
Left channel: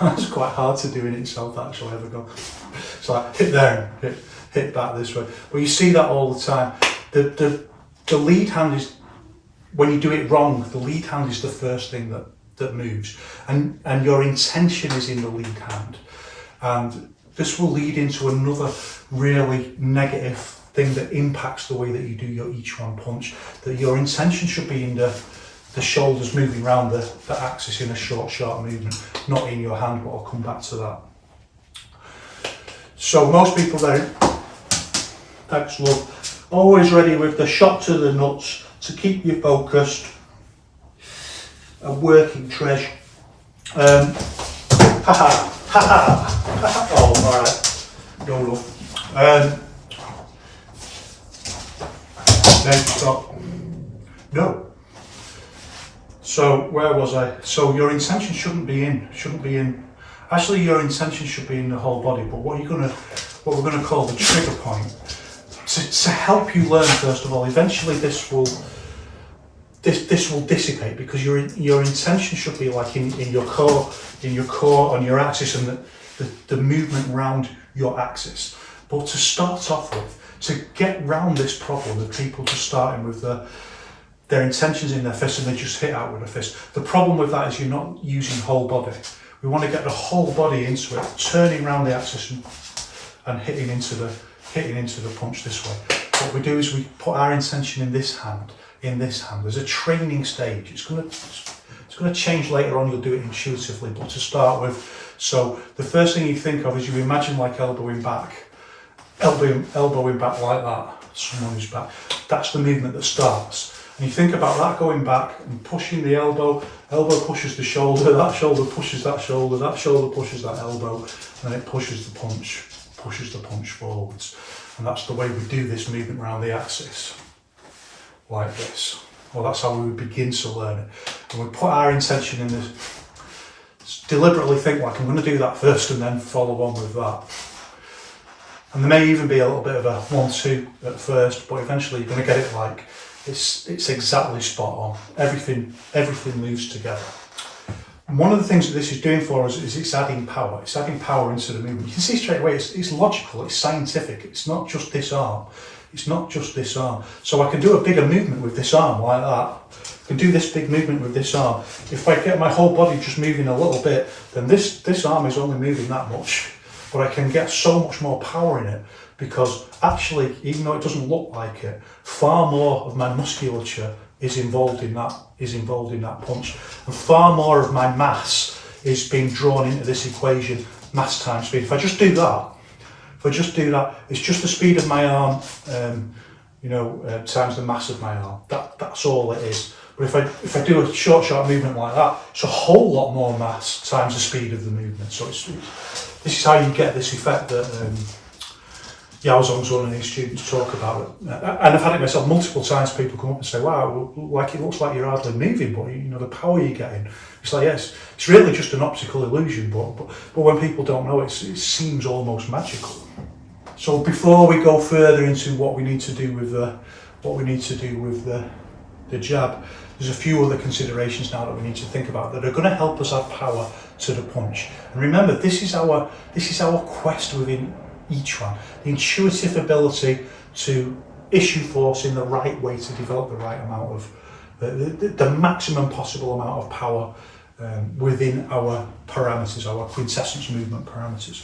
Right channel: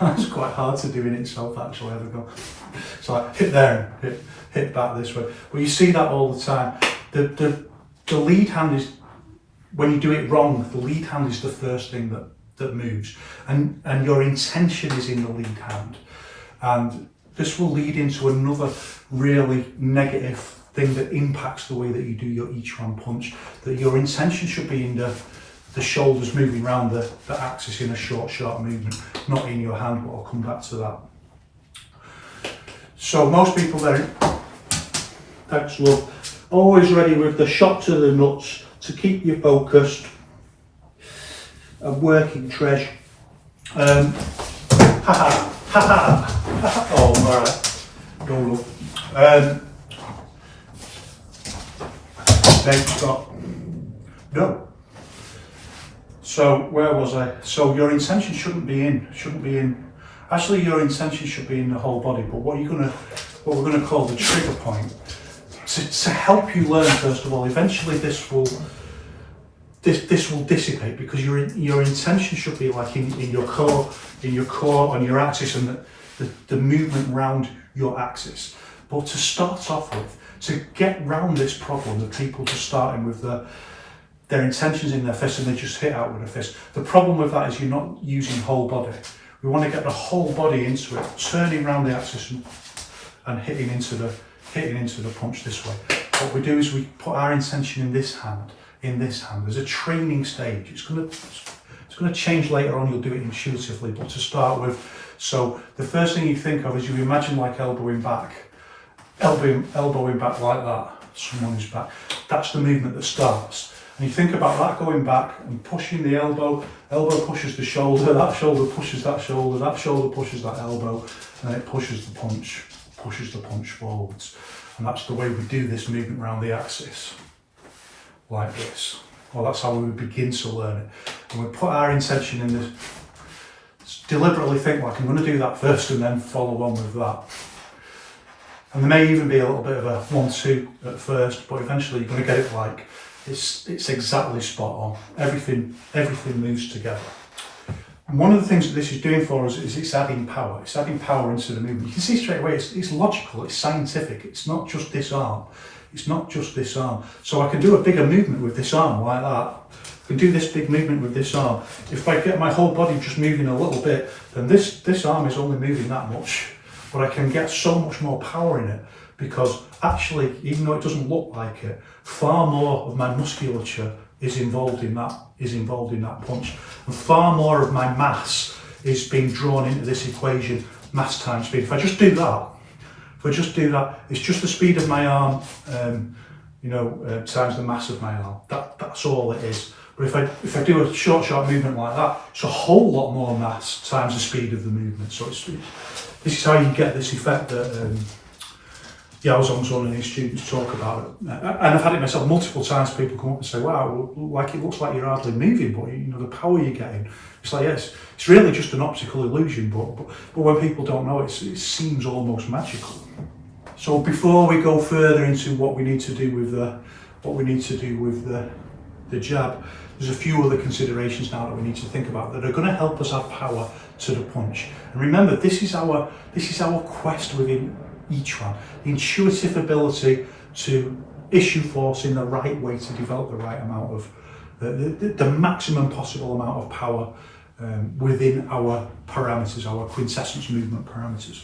It's quite hard to do in itself, actually. Ever go? So I hit there and hit back this way. But you see that all the time. The lead hand is, when you do it wrong, the lead hand is the first thing that moves, and your intention is in the lead hand, and this will lead into another really negative thing that impacts the way that you do your each one punch. That your intention should be in the shoulders moving around the axis in a short movement, not in your hand, but I'll come back to that. So most people there, thanks love, always ready with the shot to the nuts to keep you focused and working treasure. Oh, alright, no love. Then stop. No. So where was I? So your intention shouldn't be in. Actually, your intention should be in the whole body. But what we're going to call the trigger point, to help you learn, first of all. Eventually, this will dissipate, because your intention should be like in your core, on your axis, and the movement around your axis. But to start off with, to get round this problem of people just starting with their intentions in their fist and they just hit out with a fist. The problem with that is you're not using whole body. We want to get the whole body into it, turning around the axis and hitting into the punch this way. What we do is we put our intention in this hand. There's a training stage. It's going to change later on. You'll do it intuitively, but to start with, so the first thing you think of is you imagine like elbowing back like that. Someone who's back. That's the movement that starts. And you think about that going back and pushing the elbow pushes the shoulder, that shoulder pushes that shoulder, that shoulder pushes that elbow, and then it pushes the punch forwards. And that's the way we do this movement around the axis, like this. Well, that's how we begin to learn it. And we put our intention in this, deliberately think like, I'm going to do that first and then follow on with that. And there may even be a little bit of a 1-2 at first, but eventually you're going to get it like, it's exactly spot on. Everything moves together. And one of the things that this is doing for us is it's adding power. It's adding power into the movement. You can see straight away it's logical, it's scientific. It's not just this arm. So I can do a bigger movement with this arm like that. I can do this big movement with this arm. If I get my whole body just moving a little bit, then this arm is only moving that much. But I can get so much more power in it because actually, even though it doesn't look like it, far more of my musculature is involved in that punch, and far more of my mass is being drawn into this equation, mass times speed. If I just do that, it's just the speed of my arm, times the mass of my arm. That's all it is. But if I do a short movement like that, it's a whole lot more mass times the speed of the movement. So this is how you get this effect that Yaozong's one and his students talk about it. And I've had it myself multiple times. People come up and say, wow, like it looks like you're hardly moving, but the power you're getting. It's like, yes, it's really just an optical illusion, but when people don't know it, it seems almost magical. So before we go further into what we need to do with the jab, there's a few other considerations now that we need to think about that are going to help us add power to the punch. And remember, this is our quest within Yiquan, the intuitive ability to issue force in the right way to develop the right amount of the maximum possible amount of power within our parameters, our quintessence movement parameters.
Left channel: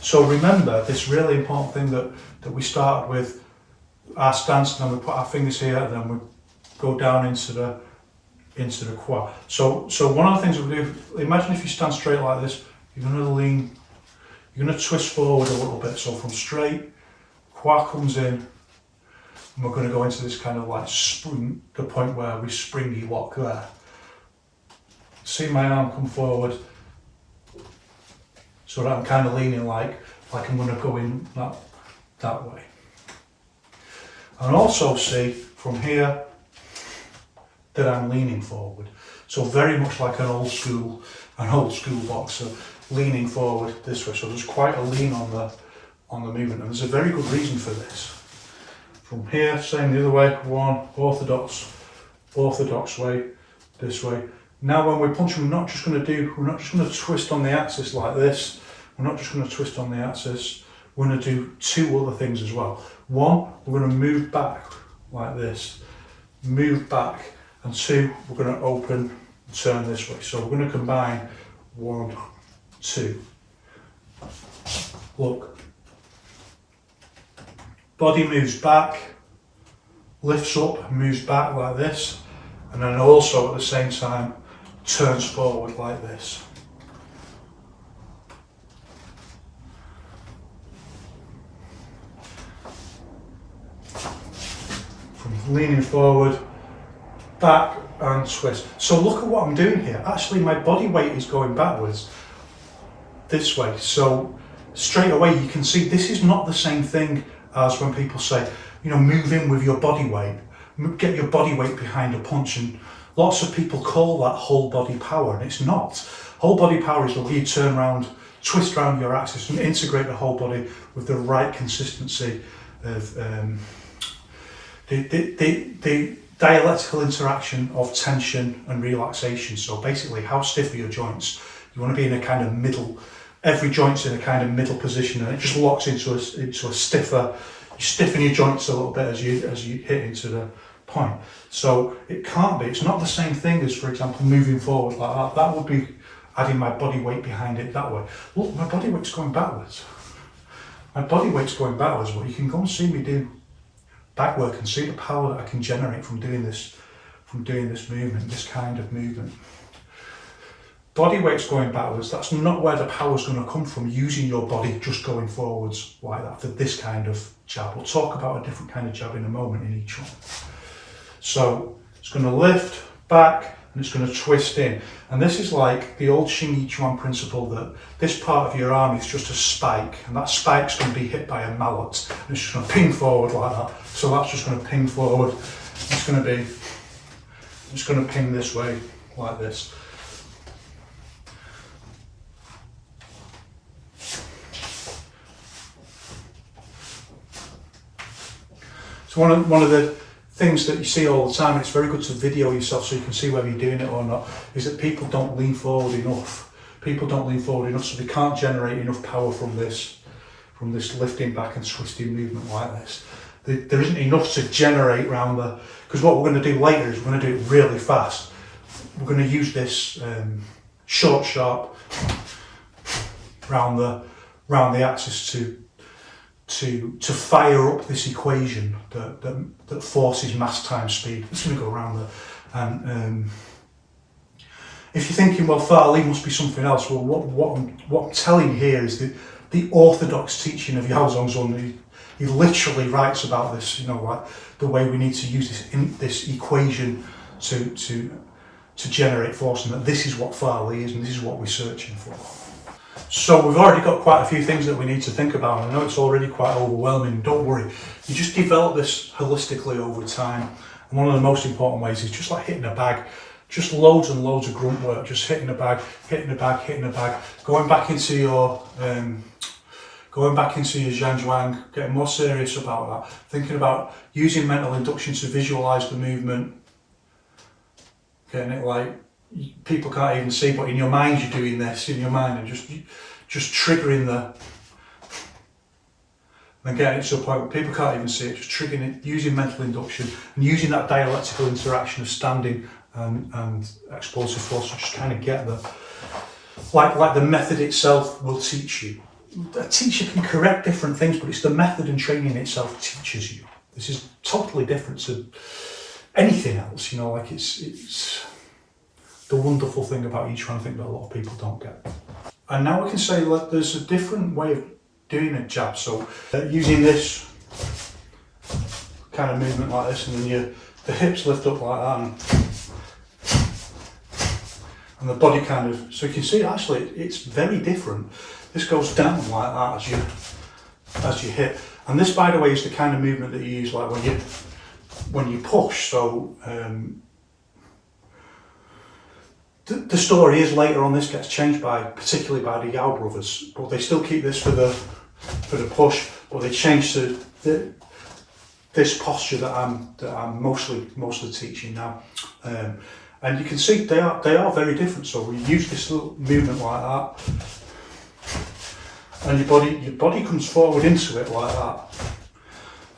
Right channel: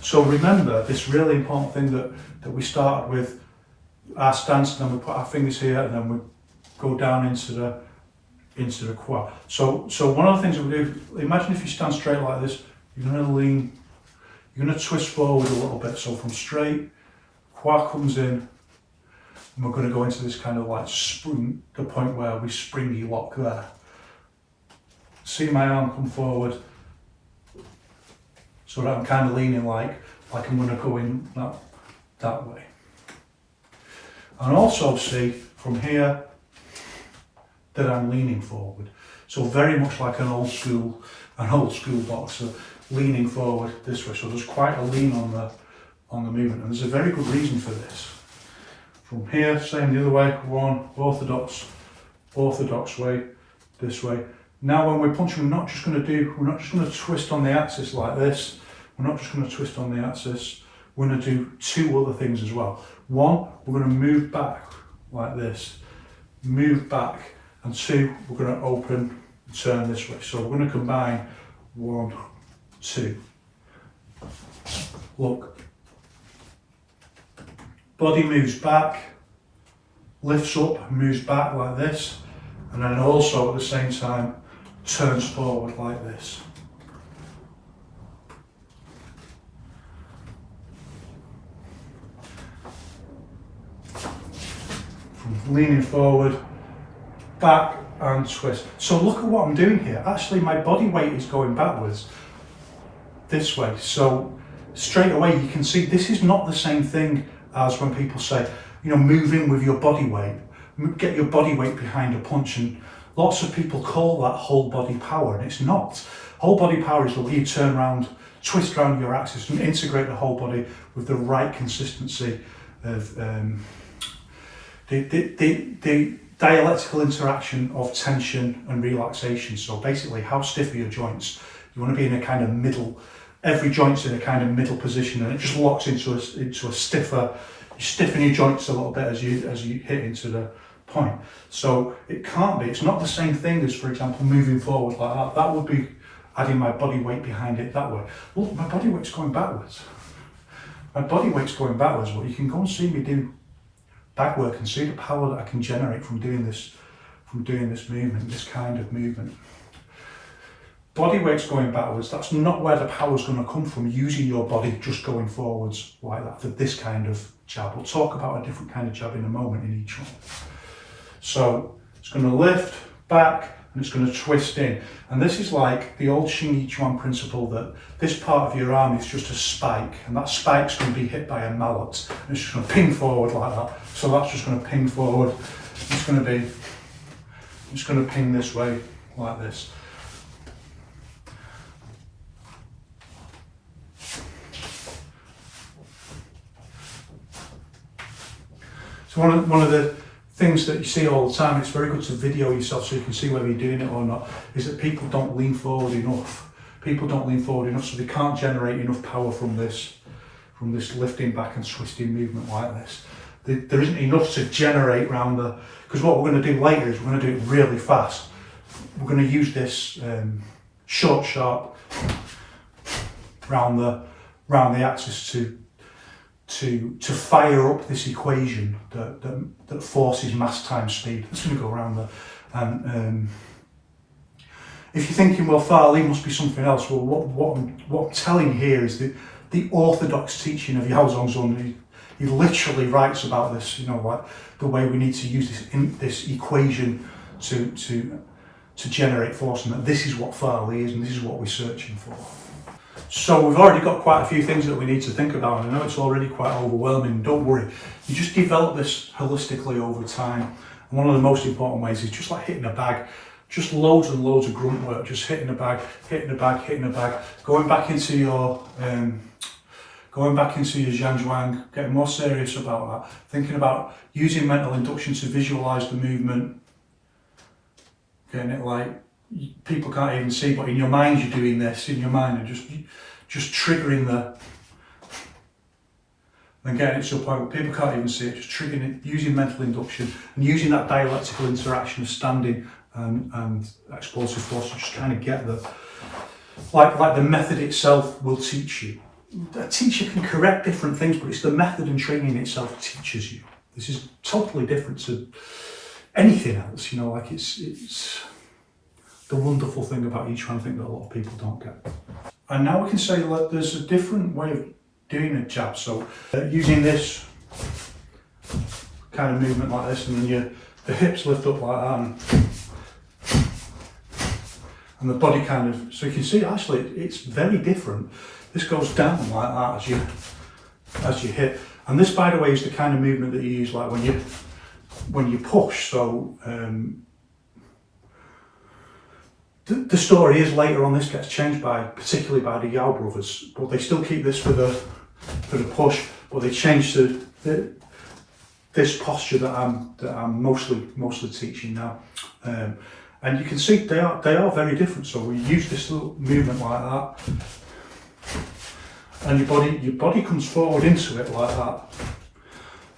So remember this really important thing that we started with our stance, and then we put our fingers here, and then we go down into the quad. So one of the things that we do, imagine if you stand straight like this, you're going to lean. You're going to twist forward a little bit. So from straight, quad comes in, and we're going to go into this kind of like spring, the point where we springy lock there. See my arm come forward, so that I'm kind of leaning like I'm going to go in that way. And also see from here that I'm leaning forward. So very much like an old school boxer, leaning forward this way. So there's quite a lean on the movement, and there's a very good reason for this. From here, same the other way, one orthodox way, this way. Now when we're punching, we're not just going to twist on the axis like this. We're not just going to twist on the axis. We're going to do two other things as well. One, we're going to move back like this, move back, and two, we're going to open and turn this way. So we're going to combine 1, 2. Look. Body moves back, lifts up, moves back like this, and then also at the same time turns forward like this. From leaning forward, back and twist. So look at what I'm doing here. Actually, my body weight is going backwards this way. So straight away you can see this is not the same thing as when people say, move in with your body weight, get your body weight behind a punch. And lots of people call that whole body power, and it's not. Whole body power is the way you turn around, twist around your axis and integrate the whole body with the right consistency of the dialectical interaction of tension and relaxation. So basically, how stiff are your joints? You want to be in a kind of middle, every joint's in a kind of middle position, and it just locks into a stiffer you stiffen your joints a little bit as you hit into the point. So it can't be. It's not the same thing as, for example, moving forward like that. That would be adding my body weight behind it that way. Look, my body weight's going backwards. My body weight's going backwards, but you can go and see me do back work and see the power that I can generate from doing this movement, this kind of movement. Body weight's going backwards. That's not where the power's going to come from, using your body just going forwards like that for this kind of jab. We'll talk about a different kind of jab in a moment in each one. So it's going to lift back and it's going to twist in. And this is like the old Yiquan principle, that this part of your arm is just a spike, and that spike's going to be hit by a mallet, and it's just going to ping forward like that. So that's just going to ping forward. It's going to ping this way like this. So one of the things that you see all the time, it's very good to video yourself so you can see whether you're doing it or not, is that people don't lean forward enough. People don't lean forward enough, so they can't generate enough power from this lifting back and twisting movement like this. There isn't enough to generate around the, because what we're going to do later is we're going to do it really fast. We're going to use this short sharp round the axis to fire up this equation that forces mass times speed. It's going to go around there. And if you're thinking, well, Farley must be something else, well, what I'm telling you here is the orthodox teaching of Yao Zhongzhun. He literally writes about this, you know, like the way we need to use this equation to generate force, and that this is what Farley is and this is what we're searching for. So we've already got quite a few things that we need to think about, and I know it's already quite overwhelming. Don't worry, you just develop this holistically over time. And one of the most important ways is just like hitting a bag, just loads and loads of grunt work, just hitting a bag, going back into your Zhanzhuang, getting more serious about that, thinking about using mental induction to visualize the movement, getting it like people can't even see, but in your mind you're doing this, in your mind, and just triggering and getting it to a point where people can't even see it, just triggering it, using mental induction and using that dialectical interaction of standing and explosive force to just kind of get like the method itself will teach you. A teacher can correct different things, but it's the method and training itself teaches you. This is totally different to anything else, you know, like it's the wonderful thing about Yiquan, I think that a lot of people don't get. And now we can say that there's a different way of doing a jab. So using this kind of movement like this, and then the hips lift up like that, and the body kind of, so you can see actually it's very different. This goes down like that as you hit. And this, by the way, is the kind of movement that you use like when you push. So the story is later on this gets changed particularly by the Yao brothers, but they still keep this for the push, but they change this posture that I'm mostly teaching now. And you can see they are very different. So we use this little movement like that, and your body comes forward into it like that.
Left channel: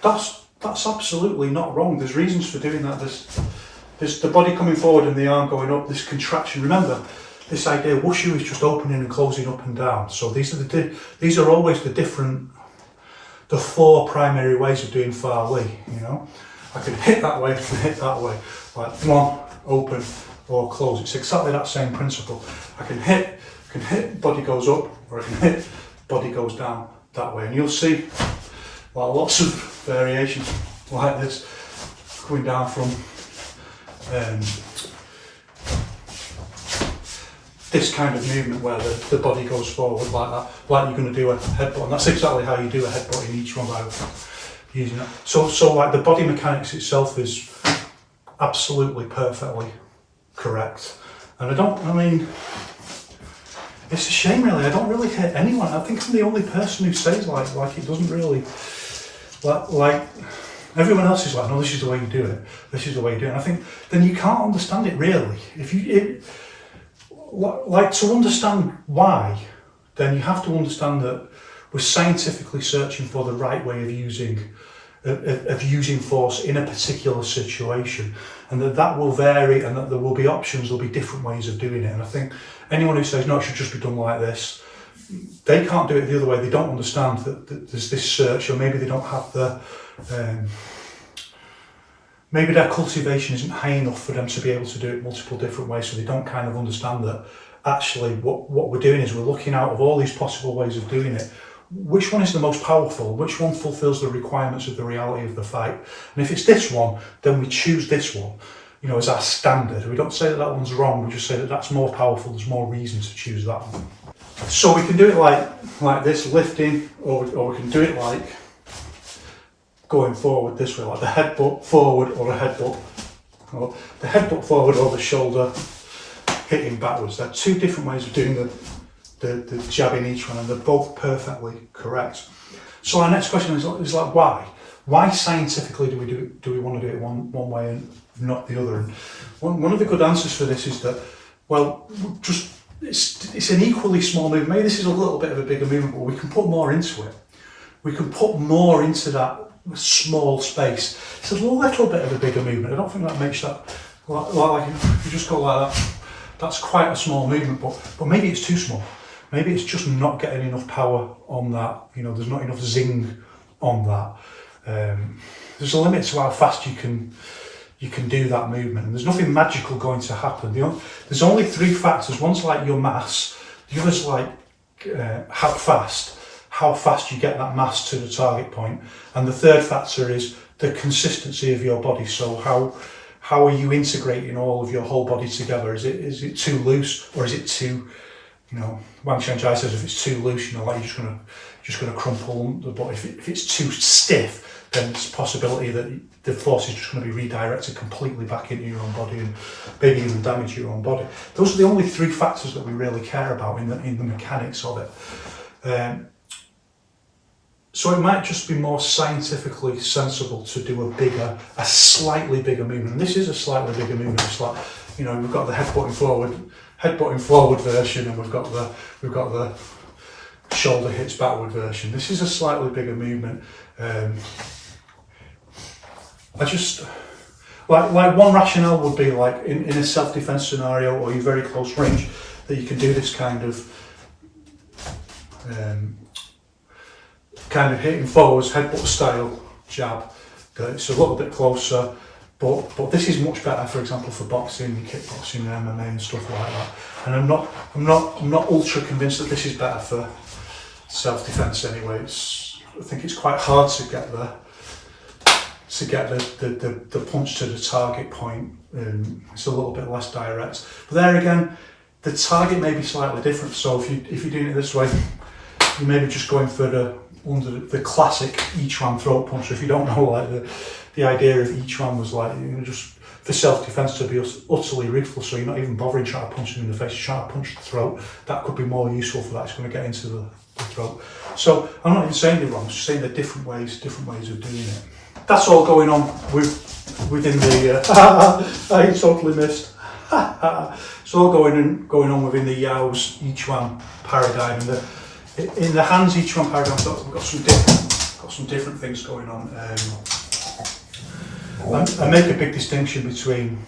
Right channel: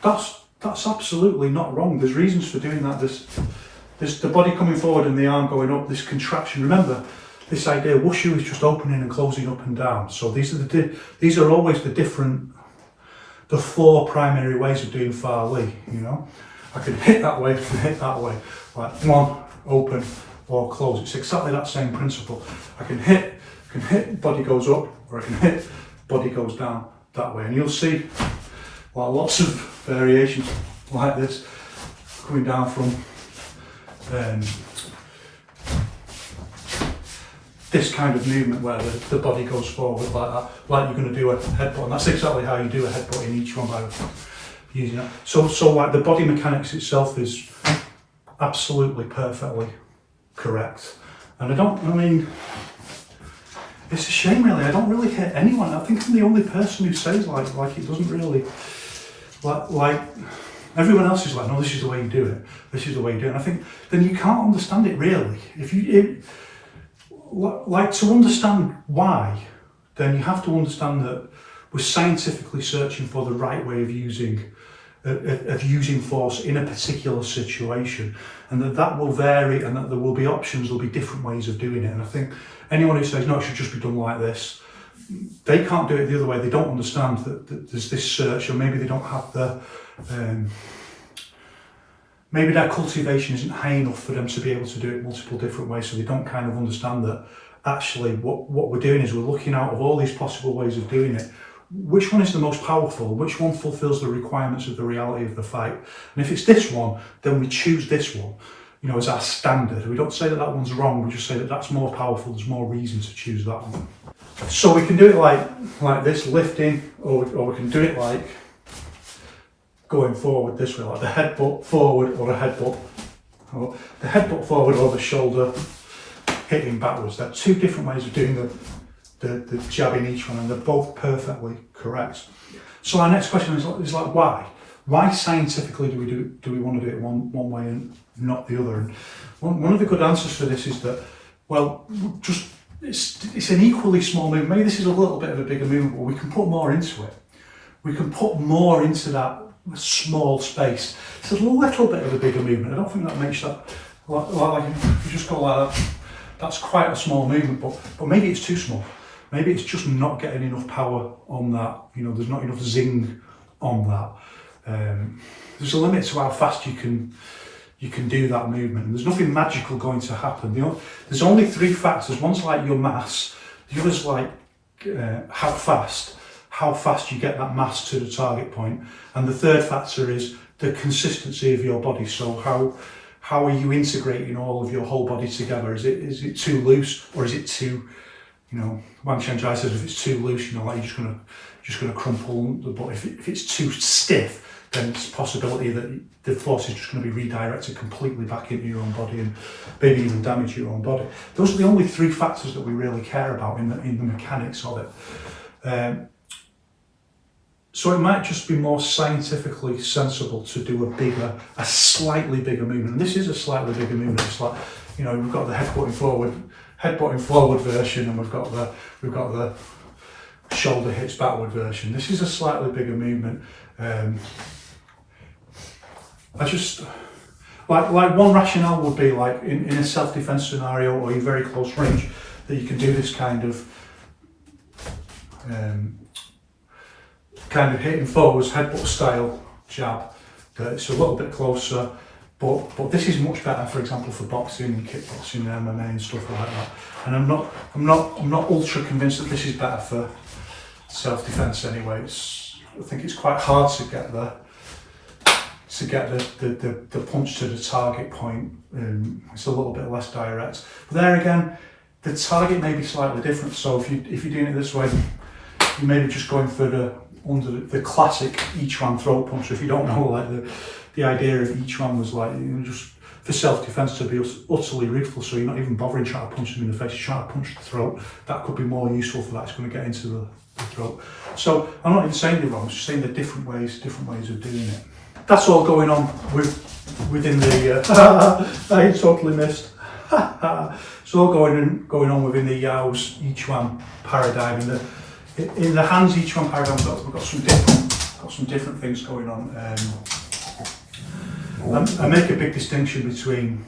That's absolutely not wrong. There's reasons for doing that. There's the body coming forward and the arm going up, this contraction. Remember, this idea, wushu is just opening and closing up and down. So these are always the four primary ways of doing Fa Li, you know. I can hit that way, I can hit that way. Like one, open or close. It's exactly that same principle. I can hit, body goes up, or I can hit, body goes down that way. And you'll see like lots of variations like this coming down from this kind of movement where the body goes forward like that, like you're going to do a headbutt. And that's exactly how you do a headbutt in each one by using that. So like the body mechanics itself is absolutely perfectly correct. And it's a shame really, I don't really hit anyone. I think I'm the only person who says like it doesn't really, like everyone else is like, no, this is the way you do it. This is the way you do it. And I think then you can't understand it really. Like to understand why, then you have to understand that we're scientifically searching for the right way of using of using force in a particular situation, and that will vary, and that there will be options, there'll be different ways of doing it. And I think anyone who says no, it should just be done like this, they can't do it the other way. They don't understand that there's this search, or maybe they don't have the maybe their cultivation isn't high enough for them to be able to do it multiple different ways, so they don't kind of understand that actually what we're doing is we're looking out of all these possible ways of doing it. Which one is the most powerful? Which one fulfills the requirements of the reality of the fight? And if it's this one, then we choose this one, you know, as our standard. We don't say that that one's wrong, we just say that that's more powerful, there's more reason to choose that one. So we can do it like this, lifting, or we can do it like going forward this way, like the headbutt forward, or a headbutt, or the headbutt forward, or the shoulder hitting backwards. There are two different ways of doing the jab in each one, and they're both perfectly correct. So our next question is like, why? Why scientifically do we want to do it one way and not the other? And one of the good answers for this is that, well, just it's an equally small movement. Maybe this is a little bit of a bigger movement, but we can put more into it. We can put more into that small space. It's a little bit of a bigger movement. I don't think that makes that like if you just go like that, that's quite a small movement, but maybe it's too small. Maybe it's just not getting enough power on that. You know, there's not enough zing on that. There's a limit to how fast you can do that movement, and there's nothing magical going to happen. You know, there's only three factors. One's like your mass, the other's like how fast you get that mass to the target point, and the third factor is the consistency of your body. So how are you integrating all of your whole body together? Is it too loose, or is it too, you know, Wang Shanzhai says if it's too loose, you know, like you're just gonna crumple. But if it's too stiff, then there's a possibility that the force is just going to be redirected completely back into your own body, and maybe even damage your own body. Those are the only three factors that we really care about in the mechanics of it. So it might just be more scientifically sensible to do a slightly bigger movement. And this is a slightly bigger movement. It's like, you know, we've got the headbutting forward version, and we've got the shoulder hits backward version. This is a slightly bigger movement. I just like one rationale would be like in a self-defense scenario, or in very close range, that you can do this kind of hitting forwards, headbutt style jab. It's a little bit closer, but this is much better, for example, for boxing, kickboxing, MMA, and stuff like that. And I'm not ultra convinced that this is better for self-defense anyway. I think it's quite hard to get the punch to the target point. It's a little bit less direct. But there again, the target may be slightly different. So if you're doing it this way, you may be just going for the classic Yiquan throat punch. So if you don't know, like the idea of Yiquan was like, you know, just for self-defense to be utterly ruthless. So you're not even bothering trying to punch them in the face. You're trying to punch the throat. That could be more useful for that. It's going to get into the throat. So I'm not even saying they're wrong. I'm just saying there are different ways of doing it. That's all going on within the. I totally missed. It's all going on within the Yao's Yiquan paradigm, and in the Han's Yiquan paradigm, we've got some different things going on. I make a big distinction between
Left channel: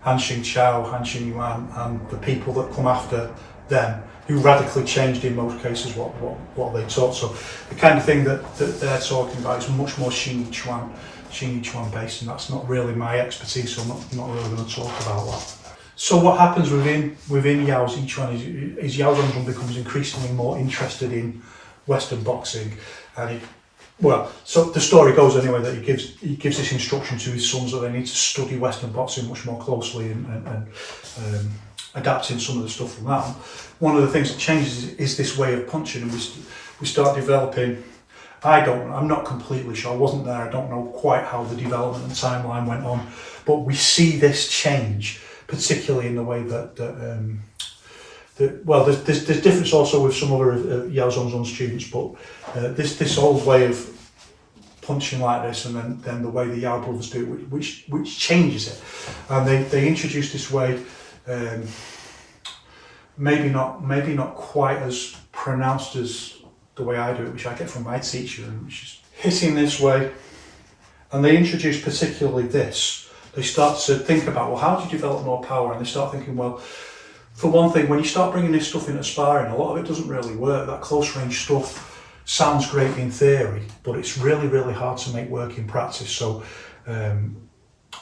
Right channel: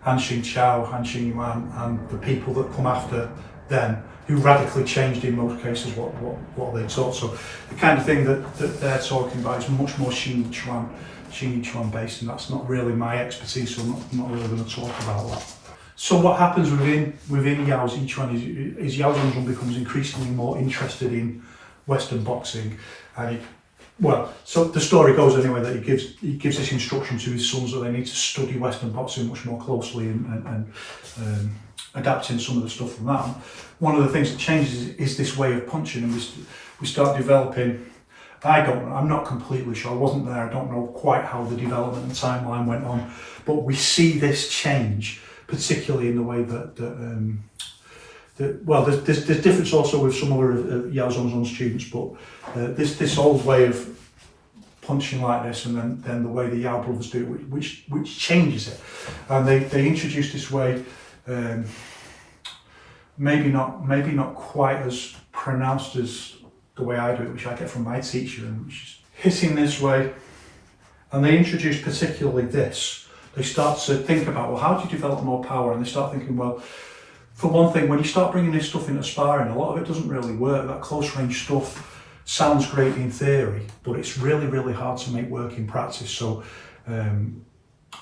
Han Xingqiao, Han Xingyuan, and the people that come after them, who radically changed in most cases what they taught. So the kind of thing that they're talking about is much more Xing Yiquan based, and that's not really my expertise, so I'm not really going to talk about that. So what happens within Yao's Yiquan is Yao Zhongzhong becomes increasingly more interested in Western boxing, and so the story goes anyway that he gives this instruction to his sons that they need to study Western boxing much more closely and adapting some of the stuff from that. One of the things that changes is this way of punching, and we start developing. I'm not completely sure. I wasn't there. I don't know quite how the development and timeline went on, but we see this change, particularly in the way that there's difference also with some other Yao Zhongzhong students, but this old way of punching like this, and then the way the Yao brothers do it, which changes it, and they introduce this way, maybe not quite as pronounced as the way I do it, which I get from my teacher, and which is hitting this way, And they introduce particularly this. They start to think about, well, how do you develop more power? And they start thinking, well, for one thing, when you start bringing this stuff into sparring, a lot of it doesn't really work. That close range stuff sounds great in theory, but it's really, really hard to make work in practice. So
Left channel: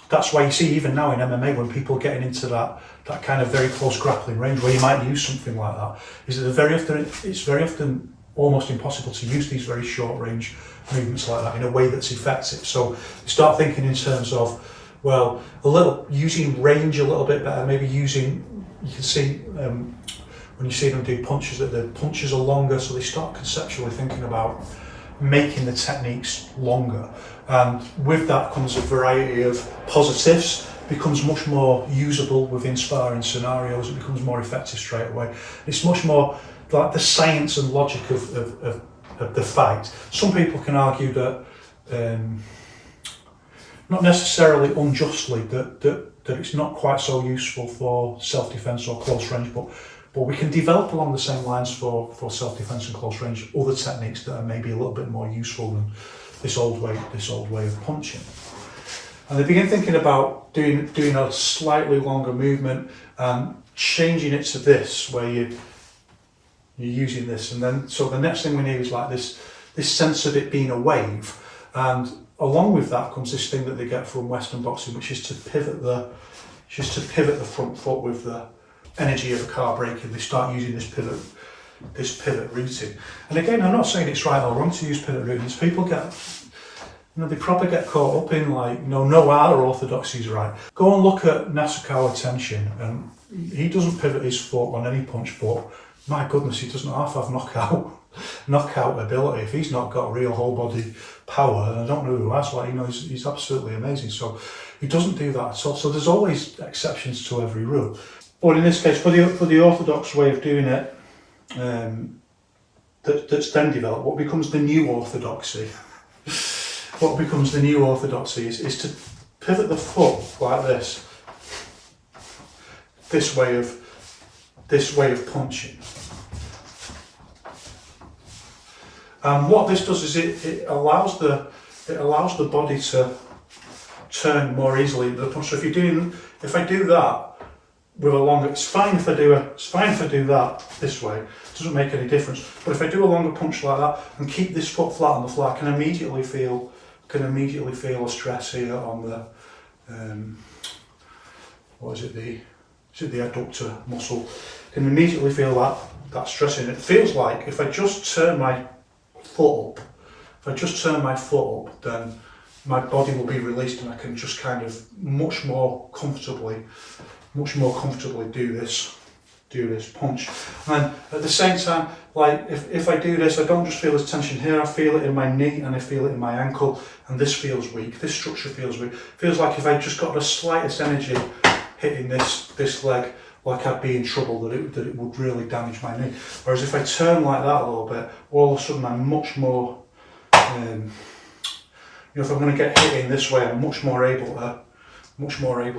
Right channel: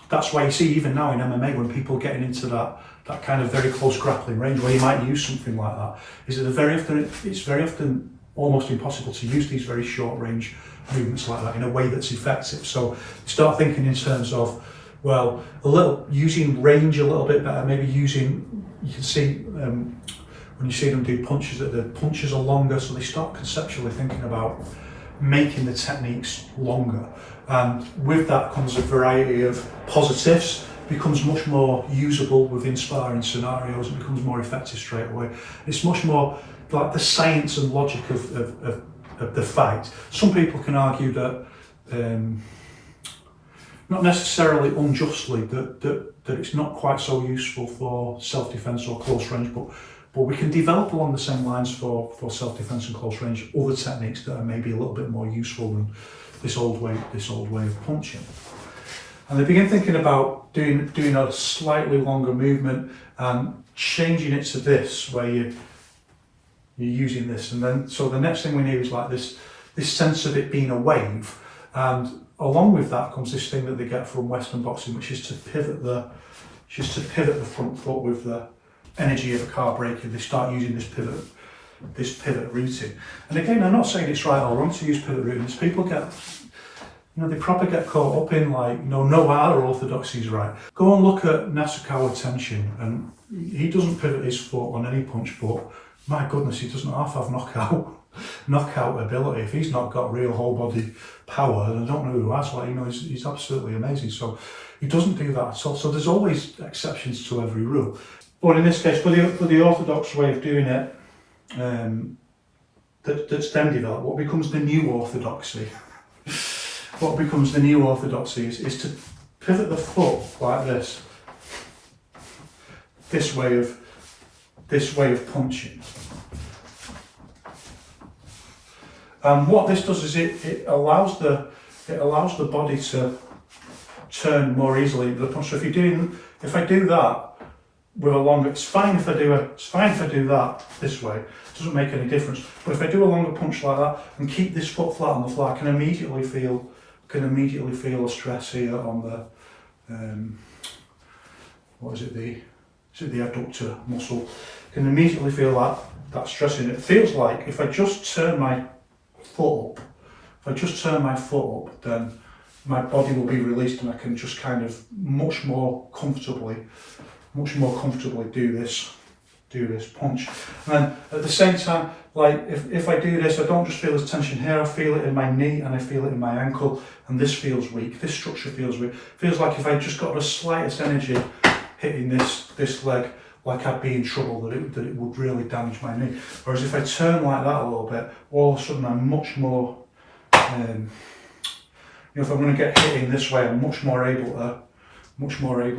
that's why you see even now in MMA, when people are getting into that kind of very close grappling range where you might use something like that, is that it's very often almost impossible to use these very short range movements like that in a way that's effective. So you start thinking in terms of, well, using range a little bit better, maybe using, you can see when you see them do punches, that the punches are longer, so they start conceptually thinking about making the techniques longer. And with that comes a variety of positives, becomes much more usable within sparring scenarios, it becomes more effective straight away. It's much more like the science and logic of the fight. Some people can argue that, not necessarily unjustly, that it's not quite so useful for self-defense or close range, but we can develop along the same lines for self-defense and close range other techniques that are maybe a little bit more useful than this old way of punching. And they begin thinking about doing a slightly longer movement and changing it to this, where you're using this, and then so the next thing we need is like this sense of it being a wave, and along with that comes this thing that they get from Western boxing, which is to pivot the front foot with the energy of a car braking. They start using this pivot routing. And again, I'm not saying it's right or wrong to use pivot routing. People get, they probably get caught up in like, no other orthodoxy is right. Go and look at Nasukawa Tenshin, and he doesn't pivot his foot on any punch, but my goodness, he doesn't have knockout ability. If he's not got real whole body power, then I don't know who has. Like, he's absolutely amazing. So he doesn't do that at all. So there's always exceptions to every rule. But in this case, for the orthodox way of doing it, that's then developed, what becomes the new orthodoxy? What becomes the new orthodoxy is to pivot the foot like this. This way of punching. And what this does is it allows the body to turn more easily into the punch. So if I do that with a longer, it's fine if I do that this way. It doesn't make any difference. But if I do a longer punch like that and keep this foot flat on the floor, I can immediately feel a stress here on the the adductor muscle. I can immediately feel that stress in it. It feels like if I just turn my foot up, then my body will be released and I can just kind of much more comfortably do this punch. And then at the same time, like if I do this, I don't just feel this tension here, I feel it in my knee and I feel it in my ankle, and this feels weak, this structure feels weak. Feels like if I just got the slightest energy hitting this leg, like I'd be in trouble, that it would really damage my knee. Whereas if I turn like that a little bit, all of a sudden I'm much more, if I'm going to get hit in this way, I'm much more able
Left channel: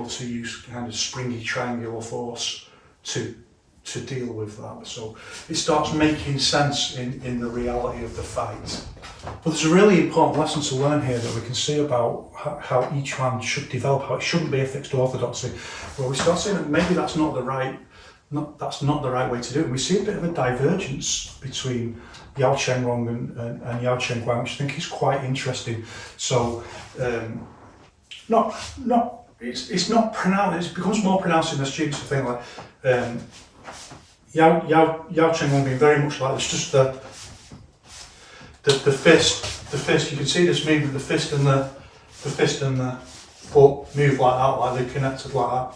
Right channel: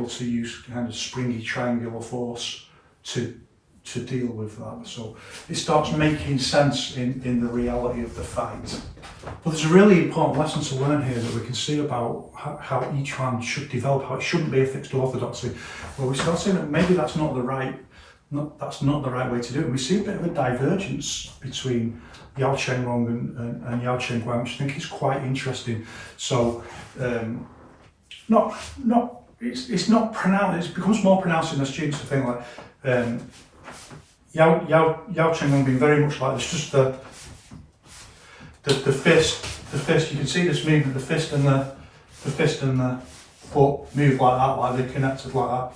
to use kind of springy triangular force to deal with that. So it starts making sense in the reality of the fight. But there's a really important lesson to learn here that we can see about how each one should develop, how it shouldn't be a fixed orthodoxy. Where we start seeing that maybe that's not the right way to do it. And we see a bit of a divergence between Yao Chengrong and Yao Chengguang, which I think is quite interesting. So it's not pronounced. It becomes more pronounced in the students. The thing like Yao Chengrong being very much like this, just the fist. You can see this movement. The fist and the foot move like that, like they're connected like that.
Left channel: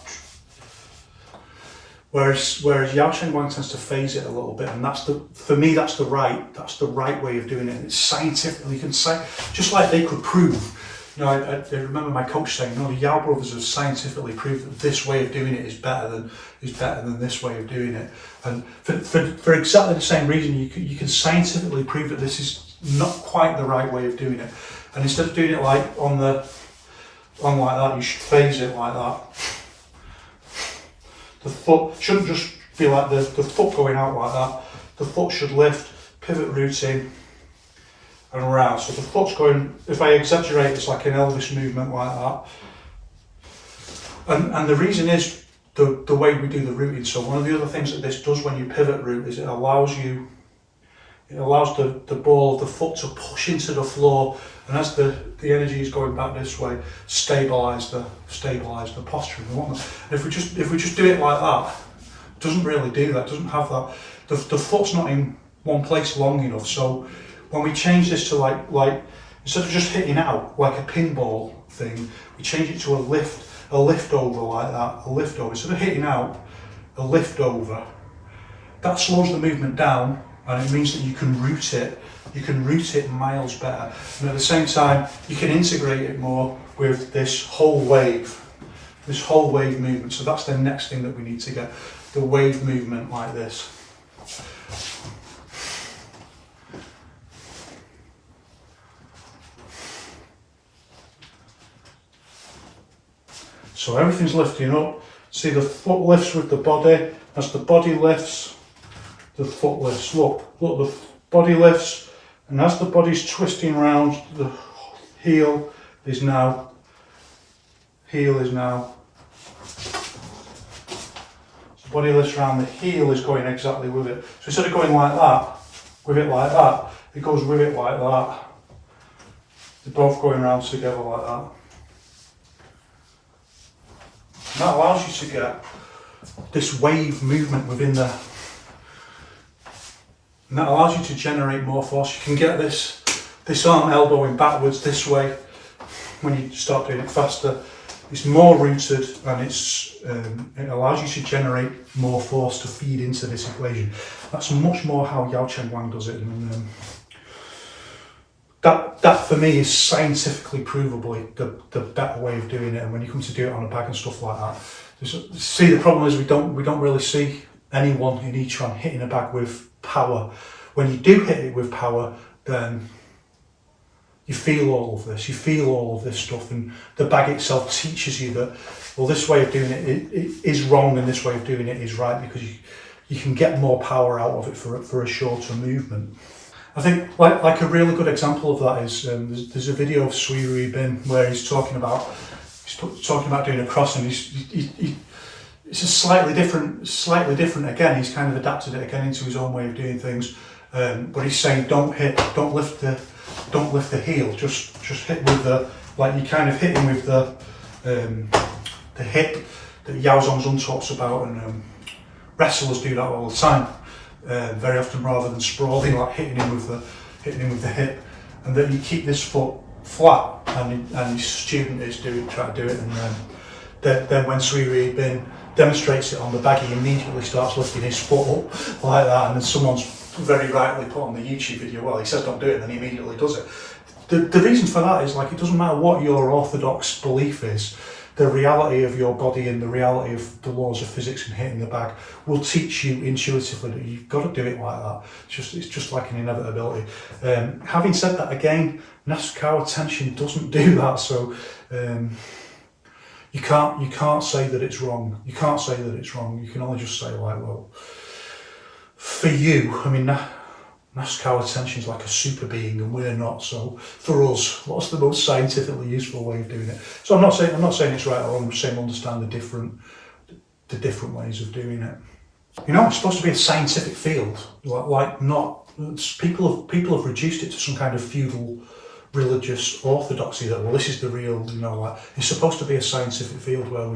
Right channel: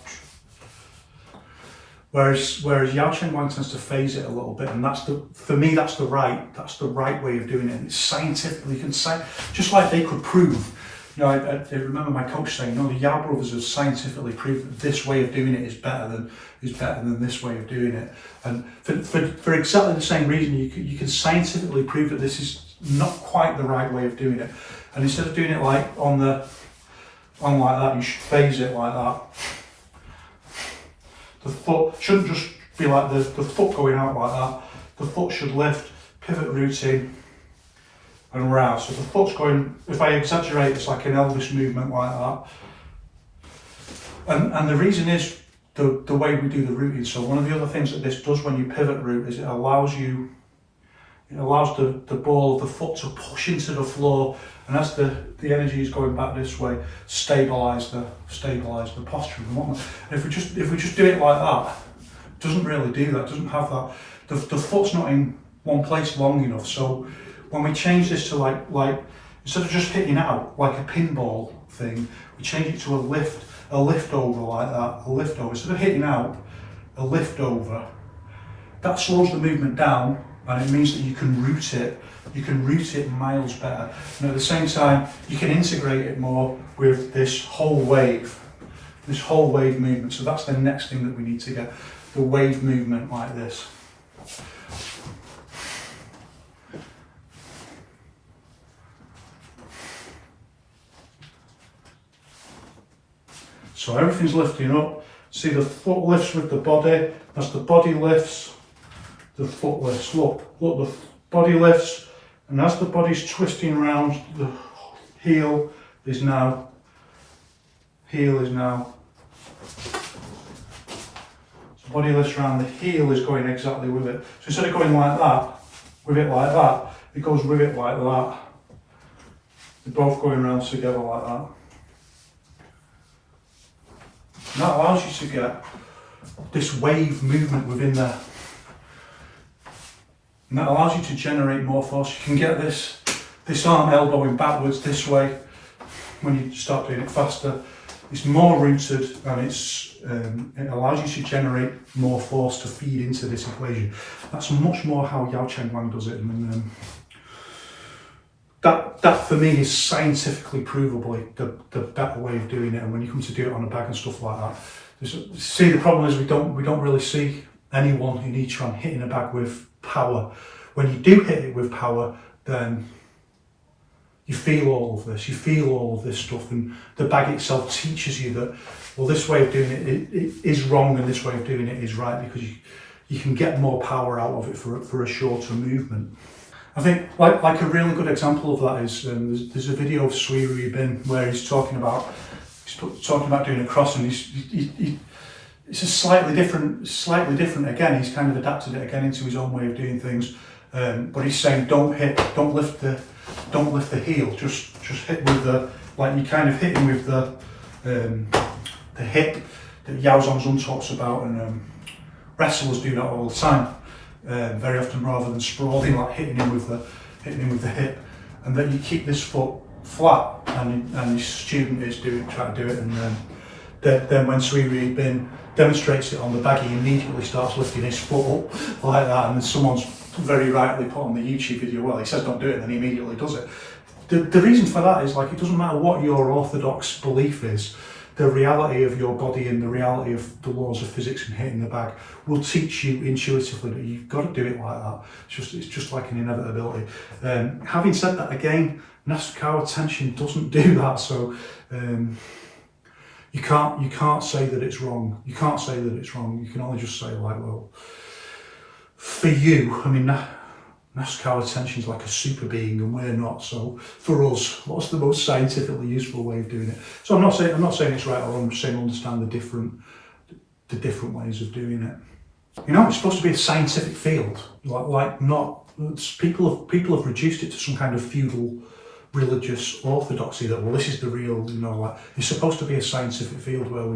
Whereas Yao Chengguang tends to phase it a little bit, and for me that's the right way of doing it. And it's scientifically, just like they could prove. I remember my coach saying, the Yao brothers have scientifically proved that this way of doing it is better than this way of doing it. And for exactly the same reason, you can scientifically prove that this is not quite the right way of doing it. And instead of doing it like on like that, you should phase it like that. The foot shouldn't just be like the foot going out like that. The foot should lift, pivot routing, and round. So the foot's going, if I exaggerate, it's like an Elvis movement like that. And the reason is the way we do the rooting. So one of the other things that this does when you pivot root is it allows the ball of the foot to push into the floor, and as the energy is going back this way, stabilise the posture and whatnot. And if we just do it like that, it doesn't really do that. It doesn't have that. The foot's not in one place long enough. So when we change this to like instead of just hitting out like a pinball thing, we change it to a lift over like that, a lift over. Instead of hitting out, a lift over. That slows the movement down, and it means that you can root it miles better. And at the same time, you can integrate it more with this whole wave movement. So that's the next thing that we need to get, the wave movement like this. So everything's lifting up. See, the foot lifts with the body. As the body lifts, the foot lifts. Look, the body lifts, and as the body's twisting round, the heel is now. So the body lifts round, the heel is going exactly with it. So instead of going like that, with it like that, it goes with it like that. They're both going round together like that. And that allows you to get this wave movement within there. And that allows you to generate more force. You can get this arm elbowing backwards this way when you start doing it faster. It's more rooted, and it allows you to generate more force to feed into this equation. That's much more how Yao Cheng Wang does it. And that for me is scientifically provably the better way of doing it. And when you come to do it on a bag and stuff like that, see, the problem is we don't really see anyone in Yiquan hitting a bag with power. When you do hit it with power, then you feel all of this stuff, and the bag itself teaches you that, well, this way of doing it is wrong and this way of doing it is right, because you can get more power out of it for a shorter movement. I think like a really good example of that is there's a video of Sui Rui Bin where he's talking about doing a cross, and it's a slightly different again. He's kind of adapted it again into his own way of doing things, but he's saying don't lift the heel, just hit with the, like you kind of hitting with the hip that Yao Zhongzhun talks about, and wrestlers do that all the time. Very often, rather than sprawling, like hitting him with the hip, and then you keep this foot flat, and his student is trying to do it, and then when Sui Rui Bin demonstrates it on the bag, he immediately starts lifting his foot up like that, and then someone's very rightly put on the YouTube video, well, he says don't do it, and then he immediately does it. The reason for that is, like, it doesn't matter what your orthodox belief is, the reality of your body and the reality of the laws of physics and hitting the bag will teach you intuitively that you've got to do it like that. It's just like an inevitability. Having said that, again, Nasukawa tension doesn't do that, so you can't say that it's wrong. You can't say that it's wrong. You can only just say, like, well, for you, I mean, Nasukawa tension is like a super being, and we're not. So for us, what's the most scientifically useful way of doing it? So I'm not saying it's right or wrong. I'm just saying understand the different ways of doing it. You know, it's supposed to be a scientific field. Like not people have reduced it to some kind of feudal religious orthodoxy that, well, this is the real. You know, like, it's supposed to be a scientific field where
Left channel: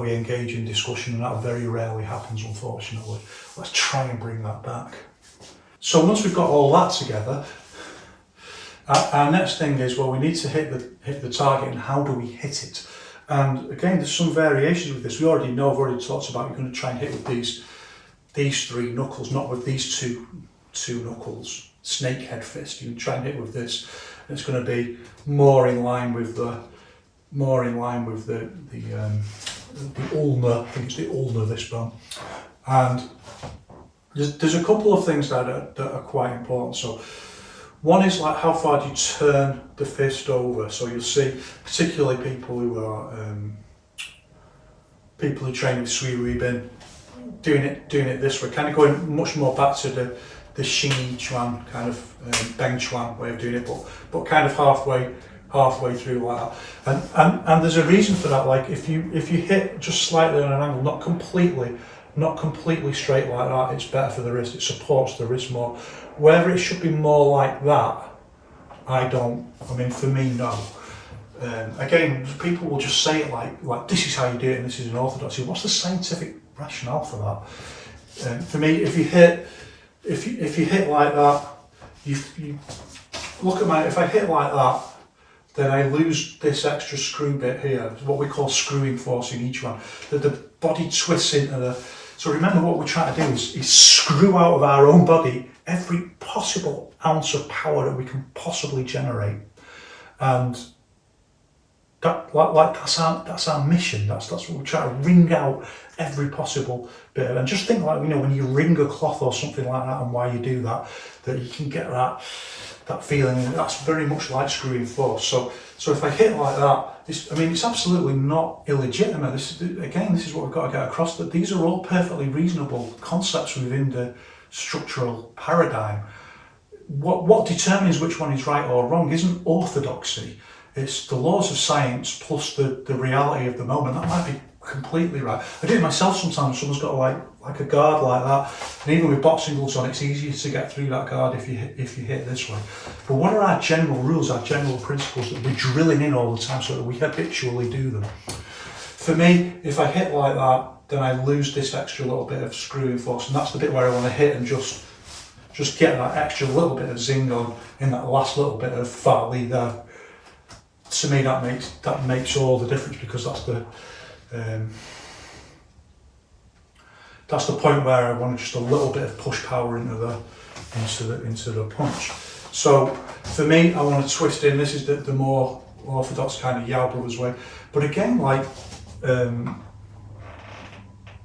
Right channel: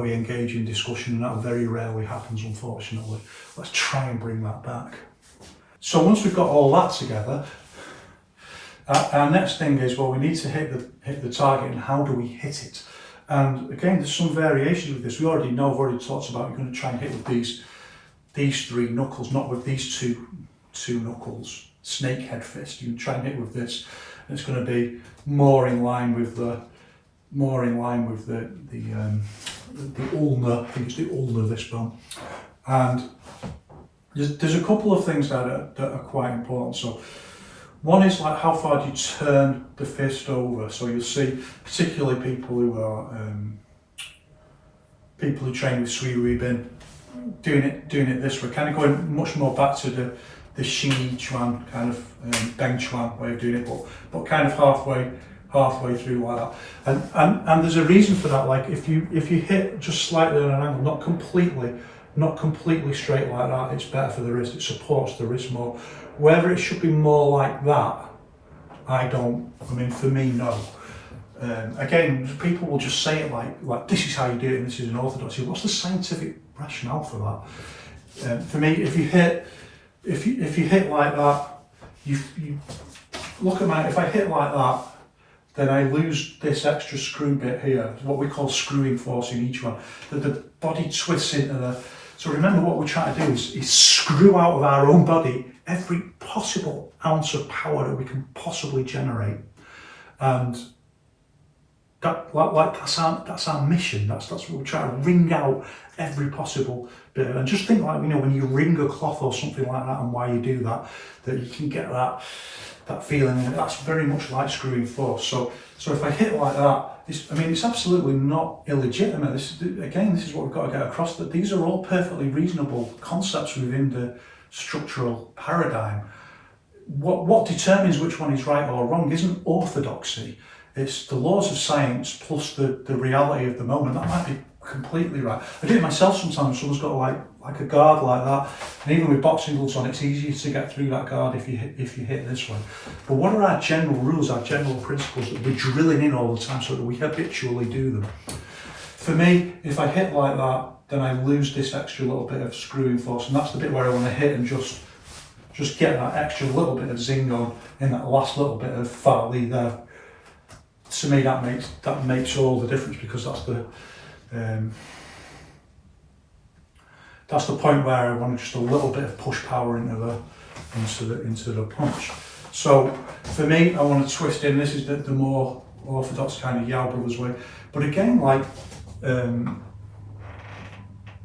we engage in discussion, and that very rarely happens, unfortunately. Let's try and bring that back. So once we've got all that together, our next thing is, well, we need to hit the target, and how do we hit it? And again, there's some variations with this. I've already talked about you're going to try and hit with these three knuckles, not with these two knuckles. Snake head fist. You can try and hit with this. It's going to be more in line with the ulna. I think it's the ulna, this bone. And there's a couple of things that are quite important. So one is, like, how far do you turn the fist over? So you'll see, particularly people who train with Sui Rui Bin, doing it this way, kind of going much more back to the Xing Yiquan kind of Beng Chuan way of doing it, but kind of halfway through like that. And there's a reason for that. Like if you hit just slightly on an angle, not completely straight like that, it's better for the wrist. It supports the wrist more. Whether it should be more like that, I mean, for me, no. Again, people will just say it like this is how you do it and this is an orthodoxy. What's the scientific rationale for that? For me, if you hit like that, you look at mine. If I hit like that, then I lose this extra screw bit here, what we call screwing force in each one. That the body twists into the. So remember, what we're trying to do is screw out of our own body every possible ounce of power that we can possibly generate, and that's our mission. That's what we try to wring out every possible bit. And just think like, when you wring a cloth or something like that, and why you do that you can get that feeling. And that's very much like screwing force. So if I hit like that, it's absolutely not illegitimate. This is what we've got to get across, that these are all perfectly reasonable concepts within the structural paradigm. What determines which one is right or wrong isn't orthodoxy. It's the laws of science plus the reality of the moment. That might be completely right. I do it myself sometimes. Someone's got like a guard like that, and even with boxing gloves on, it's easier to get through that guard if you hit this way. But what are our general rules, our general principles that we're drilling in all the time so that we habitually do them? For me, if I hit like that, then I lose this extra little bit of screwing force, and that's the bit where I want to hit and just get that extra little bit of zing on in that last little bit of fat lead there. To me, that makes all the difference, because that's the point where I want just a little bit of push power into the punch. So for me, I want to twist in. This is the more orthodox kind of Yao Brothers way. But again,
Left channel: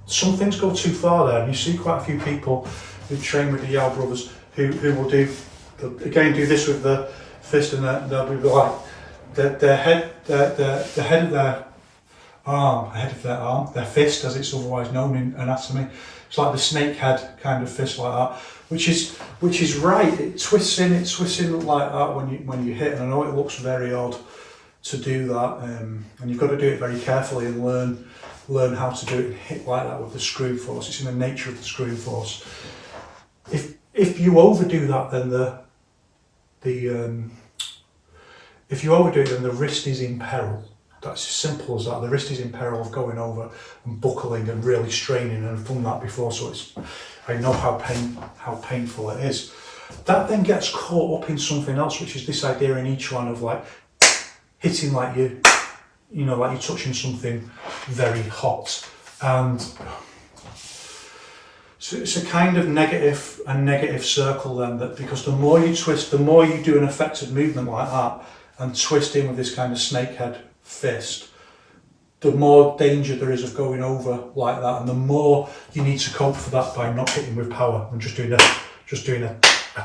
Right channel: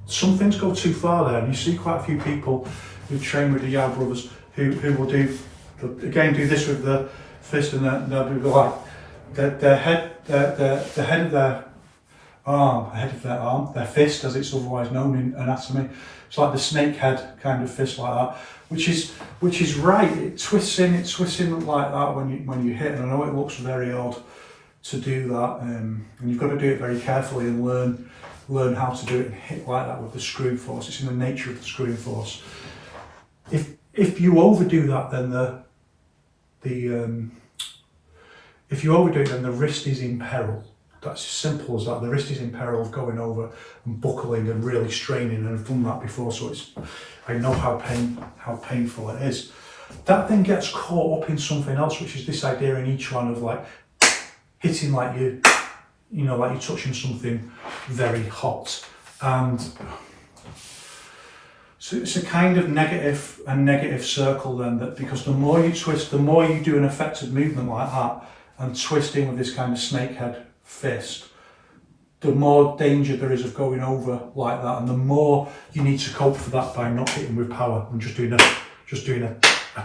some things go too far there, and you see quite a few people who train with the Yao Brothers who will do this with the fist, and they'll be like the head of their arm, their fist as it's otherwise known in anatomy. It's like the snake head kind of fist like that, which is right. It twists in like that when you hit, and I know it looks very odd to do that, and you've got to do it very carefully and learn how to do it and hit like that with the screw force. It's in the nature of the screwing force. If you overdo that, then if you overdo it, then the wrist is in peril. That's as simple as that. The wrist is in peril of going over and buckling and really straining, and I've done that before, so I know how painful it is. That then gets caught up in something else, which is this idea in each one of like hitting like like you're touching something very hot, and so it's a kind of negative circle then, that because the more you twist, the more you do an effective movement like that and twist in with this kind of snakehead fist, the more danger there is of going over like that, and the more you need to cope for that by not hitting with power and just doing a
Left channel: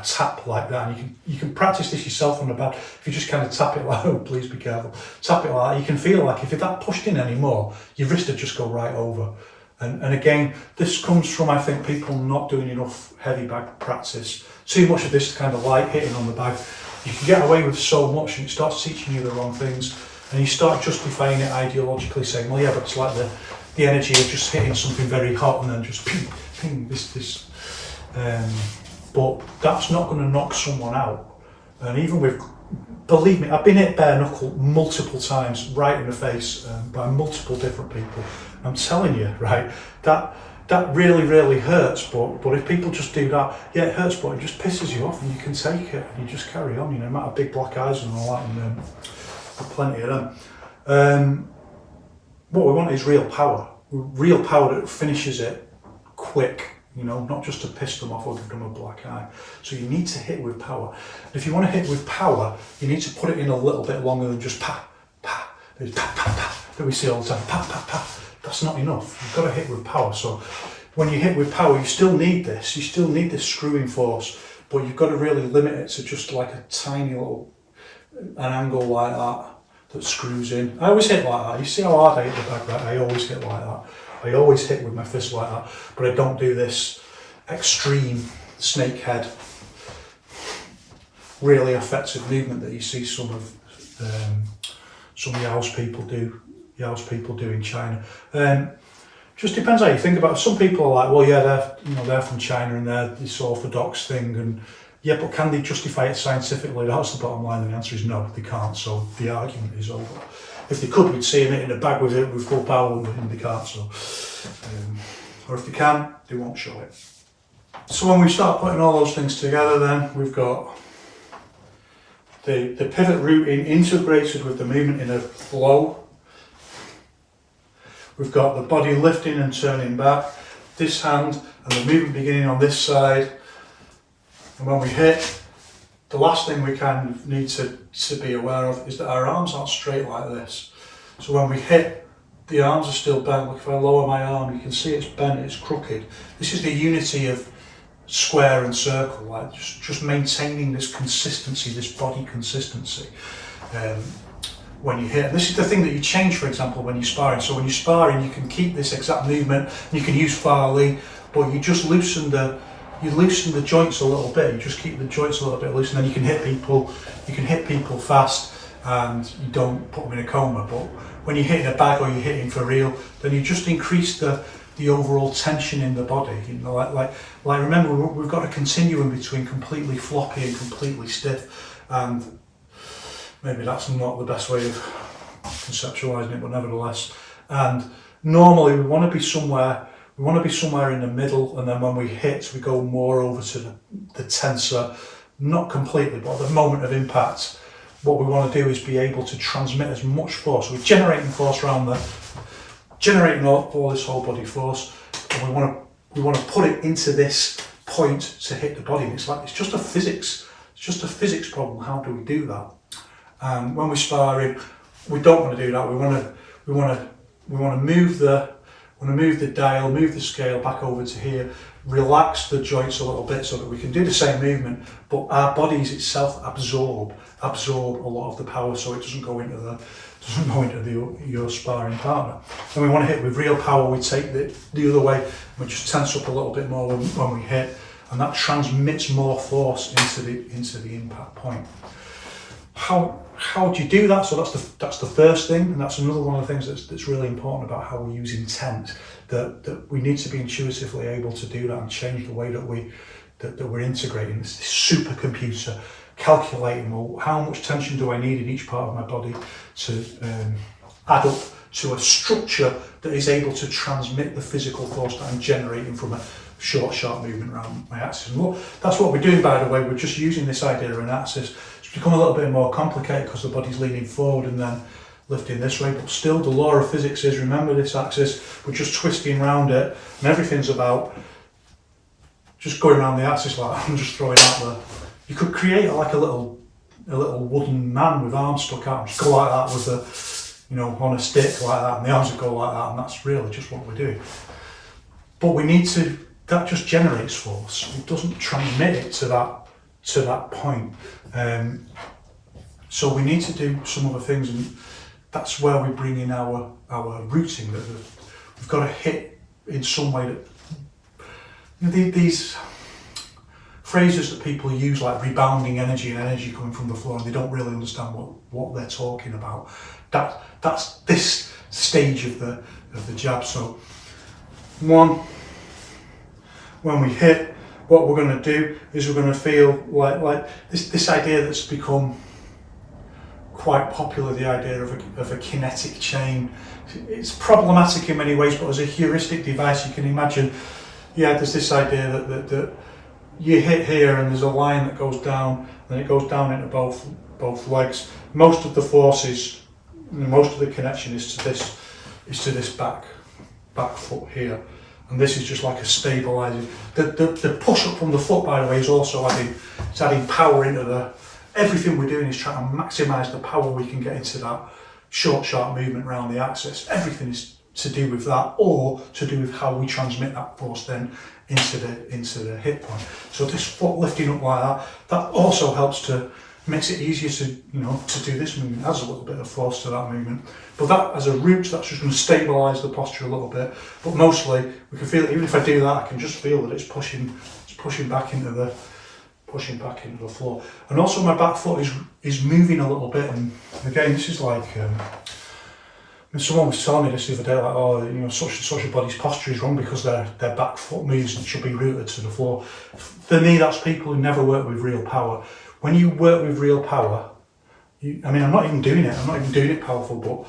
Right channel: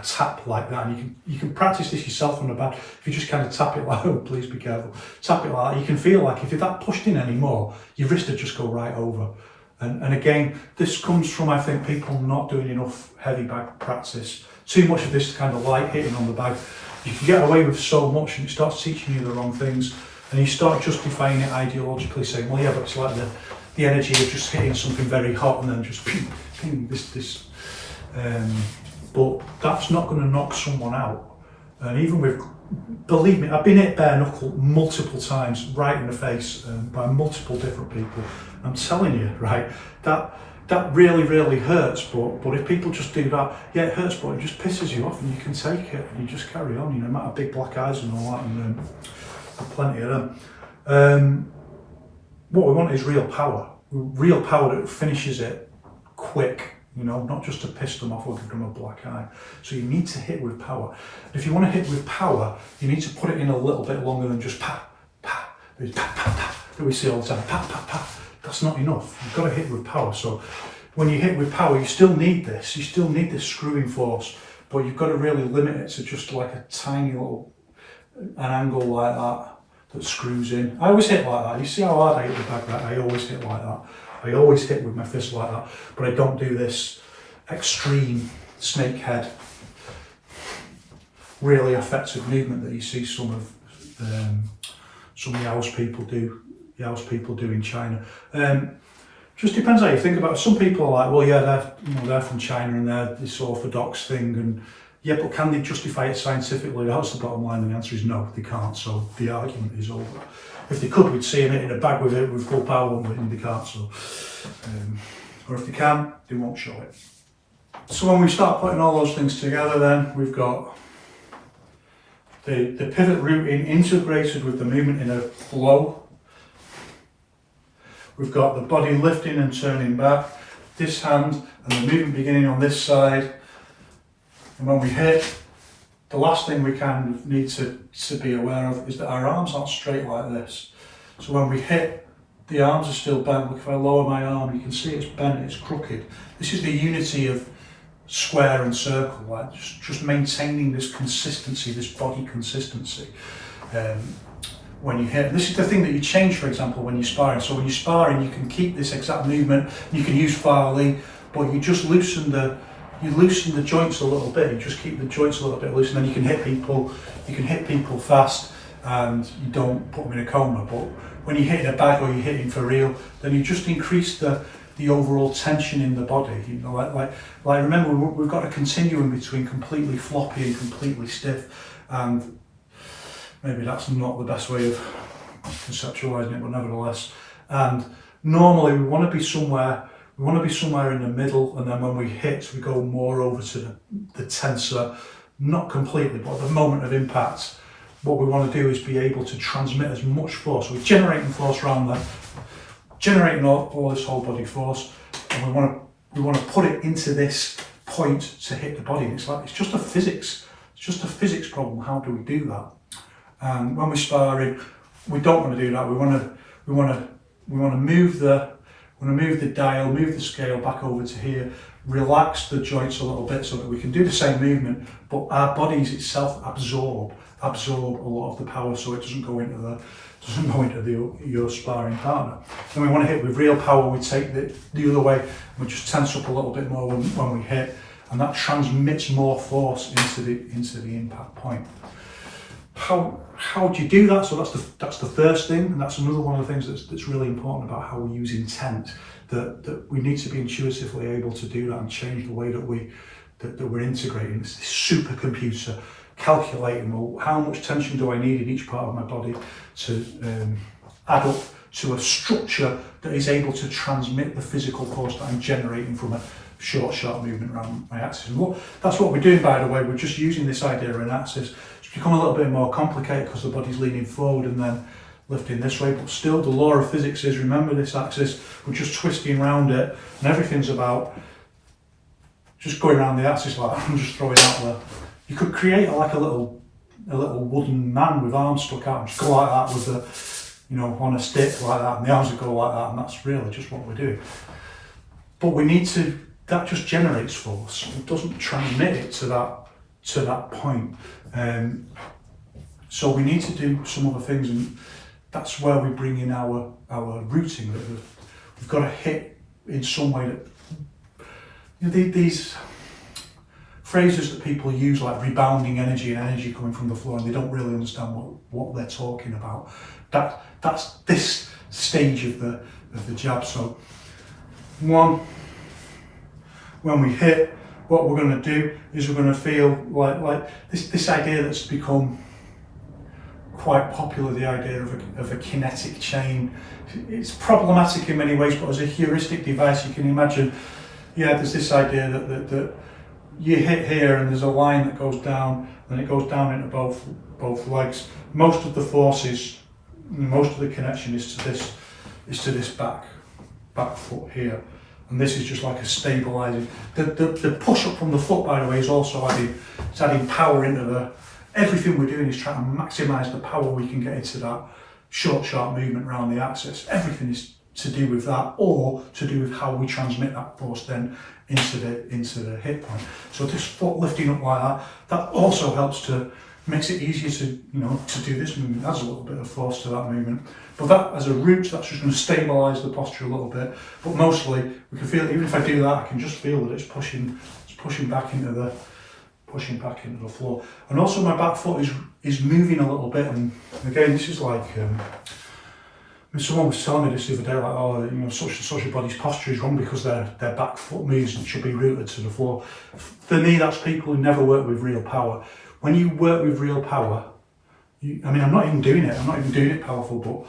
tap like that. And you can practice this yourself on the bed. If you just kind of tap it like, oh, please be careful, tap it like that, you can feel like if you're that pushed in anymore, your wrist would just go right over. And again, this comes from, I think, people not doing enough heavy bag practice. Too much of this kind of light hitting on the bag. You can get away with so much, and it starts teaching you the wrong things. And you start justifying it ideologically, saying, well, yeah, but it's like the energy of just hitting something very hot and then just ping, ping, this. But that's not going to knock someone out. And even with, believe me, I've been hit bare knuckle multiple times, right in the face, by multiple different people. I'm telling you, right, that really, really hurts. But if people just do that, yeah, it hurts, but it just pisses you off, and you can take it and you just carry on. You might have big black eyes and all that, and plenty of them. What we want is real power that finishes it quick. Not just to piss them off or give them a black eye. So you need to hit with power. And if you want to hit with power, you need to put it in a little bit longer than just pa, pa. There's pa, pa, pa, that we see all the time. Pa, pa, pa. That's not enough. You've got to hit with power. So when you hit with power, you still need this. You still need this screwing force, but you've got to really limit it to just like a tiny little, an angle like that screws in. I always hit like that. You see how hard I hit the bag, right? I always hit like that. I always hit with my fist like that, but I don't do this extreme snake head, really effective movement that you see some Yaos people do. Yaos people do in China. Just depends how you think about it. Some people are like, well, yeah, they're from China and they're this orthodox thing, and yeah, but can they justify it scientifically? That's the bottom line, and the answer is no, they can't. So the argument is over. If they could, we'd see them in a bag with full power, and they can't. So, or if they can, they won't show it. So when we start putting all those things together, then we've got the pivot routing integrated with the movement in a flow. We've got the body lifting and turning back, this hand, and the movement beginning on this side. And when we hit, the last thing we kind of need to be aware of is that our arms aren't straight like this. So when we hit, the arms are still bent. If I lower my arm, you can see it's bent, it's crooked. This is the unity of square and circle, like just maintaining this consistency, this body consistency. When you hit, and this is the thing that you change, for example, when you're sparring. So when you're sparring, you can keep this exact movement, you can use Farley, but you just loosen the joints a little bit. You just keep the joints a little bit loose, and then you can hit people fast, and you don't put them in a coma. But when you're hitting a bag or you're hitting for real, then you just increase the overall tension in the body. You know, like remember, we've got a continuum between completely floppy and completely stiff, and maybe that's not the best way of conceptualizing it, but nevertheless. And normally we want to be somewhere in the middle, and then when we hit, we go more over to the tensor, not completely, but at the moment of impact, what we want to do is be able to transmit as much force. So we're generating force around there, generating all this whole body force, and we want to put it into this point to hit the body. And it's just a physics problem. How do we do that? And when we're sparring, we don't want to do that. We want to move the dial, move the scale back over to here, relax the joints a little bit so that we can do the same movement, but our bodies itself absorb a lot of the power, so it doesn't go into your sparring partner. Then we want to hit with real power. We take the other way, and we just tense up a little bit more when we hit, and that transmits more force into the impact point. How do you do that? So that's the first thing, and that's another one of the things that's really important about how we use intent. That we need to be intuitively able to do that and change the way that we're integrating. It's this supercomputer calculating, well, how much tension do I need in each part of my body to add up to a structure that is able to transmit the physical force that I'm generating from a short, sharp movement around my axis. And that's what we're doing, by the way. We're just using this idea of an axis. It's become a little bit more complicated because the body's leaning forward and then lifting this way, but still the law of physics is, remember this axis, we're just twisting around it, and everything's about just going around the axis like that and just throwing out there. You could create like a little wooden man with arms stuck out and just go like that with on a stick like that, and the arms would go like that, and that's really just what we're doing. But that just generates force. It doesn't transmit it to that point. So we need to do some other things, and that's where we bring in our routing. That we've got to hit in some way that these phrases that people use, like rebounding energy and energy coming from the floor, and they don't really understand what they're talking about. That's this stage of the jab. So when we hit, what we're going to do is we're going to feel like this idea that's become quite popular, the idea of a kinetic chain. It's problematic in many ways, but as a heuristic device, you can imagine, there's this idea that you hit here and there's a line that goes down, and it goes down into both legs. Most of the forces, most of the connection is to this back foot here. And this is just like a stabilizing. The push up from the foot, by the way, is also adding power into everything we're doing is trying to maximize the power we can get into that short, sharp movement around the axis. Everything is to do with that, or to do with how we transmit that force then into the hip point. So this foot lifting up like that also helps makes it easier to do this movement. Adds a little bit of force to that movement. But that as a root, that's just going to stabilise the posture a little bit. But mostly we can feel it, even if I do that, I can just feel that it's pushing pushing back into the floor. And also my back foot is moving a little bit, and again, this is like, someone was telling me this the other day, like, oh, you know, such and such a body's posture is wrong because their back foot moves and should be rooted to the floor. For me, that's people who never work with real power. When you work with real power, I'm not even doing it powerful,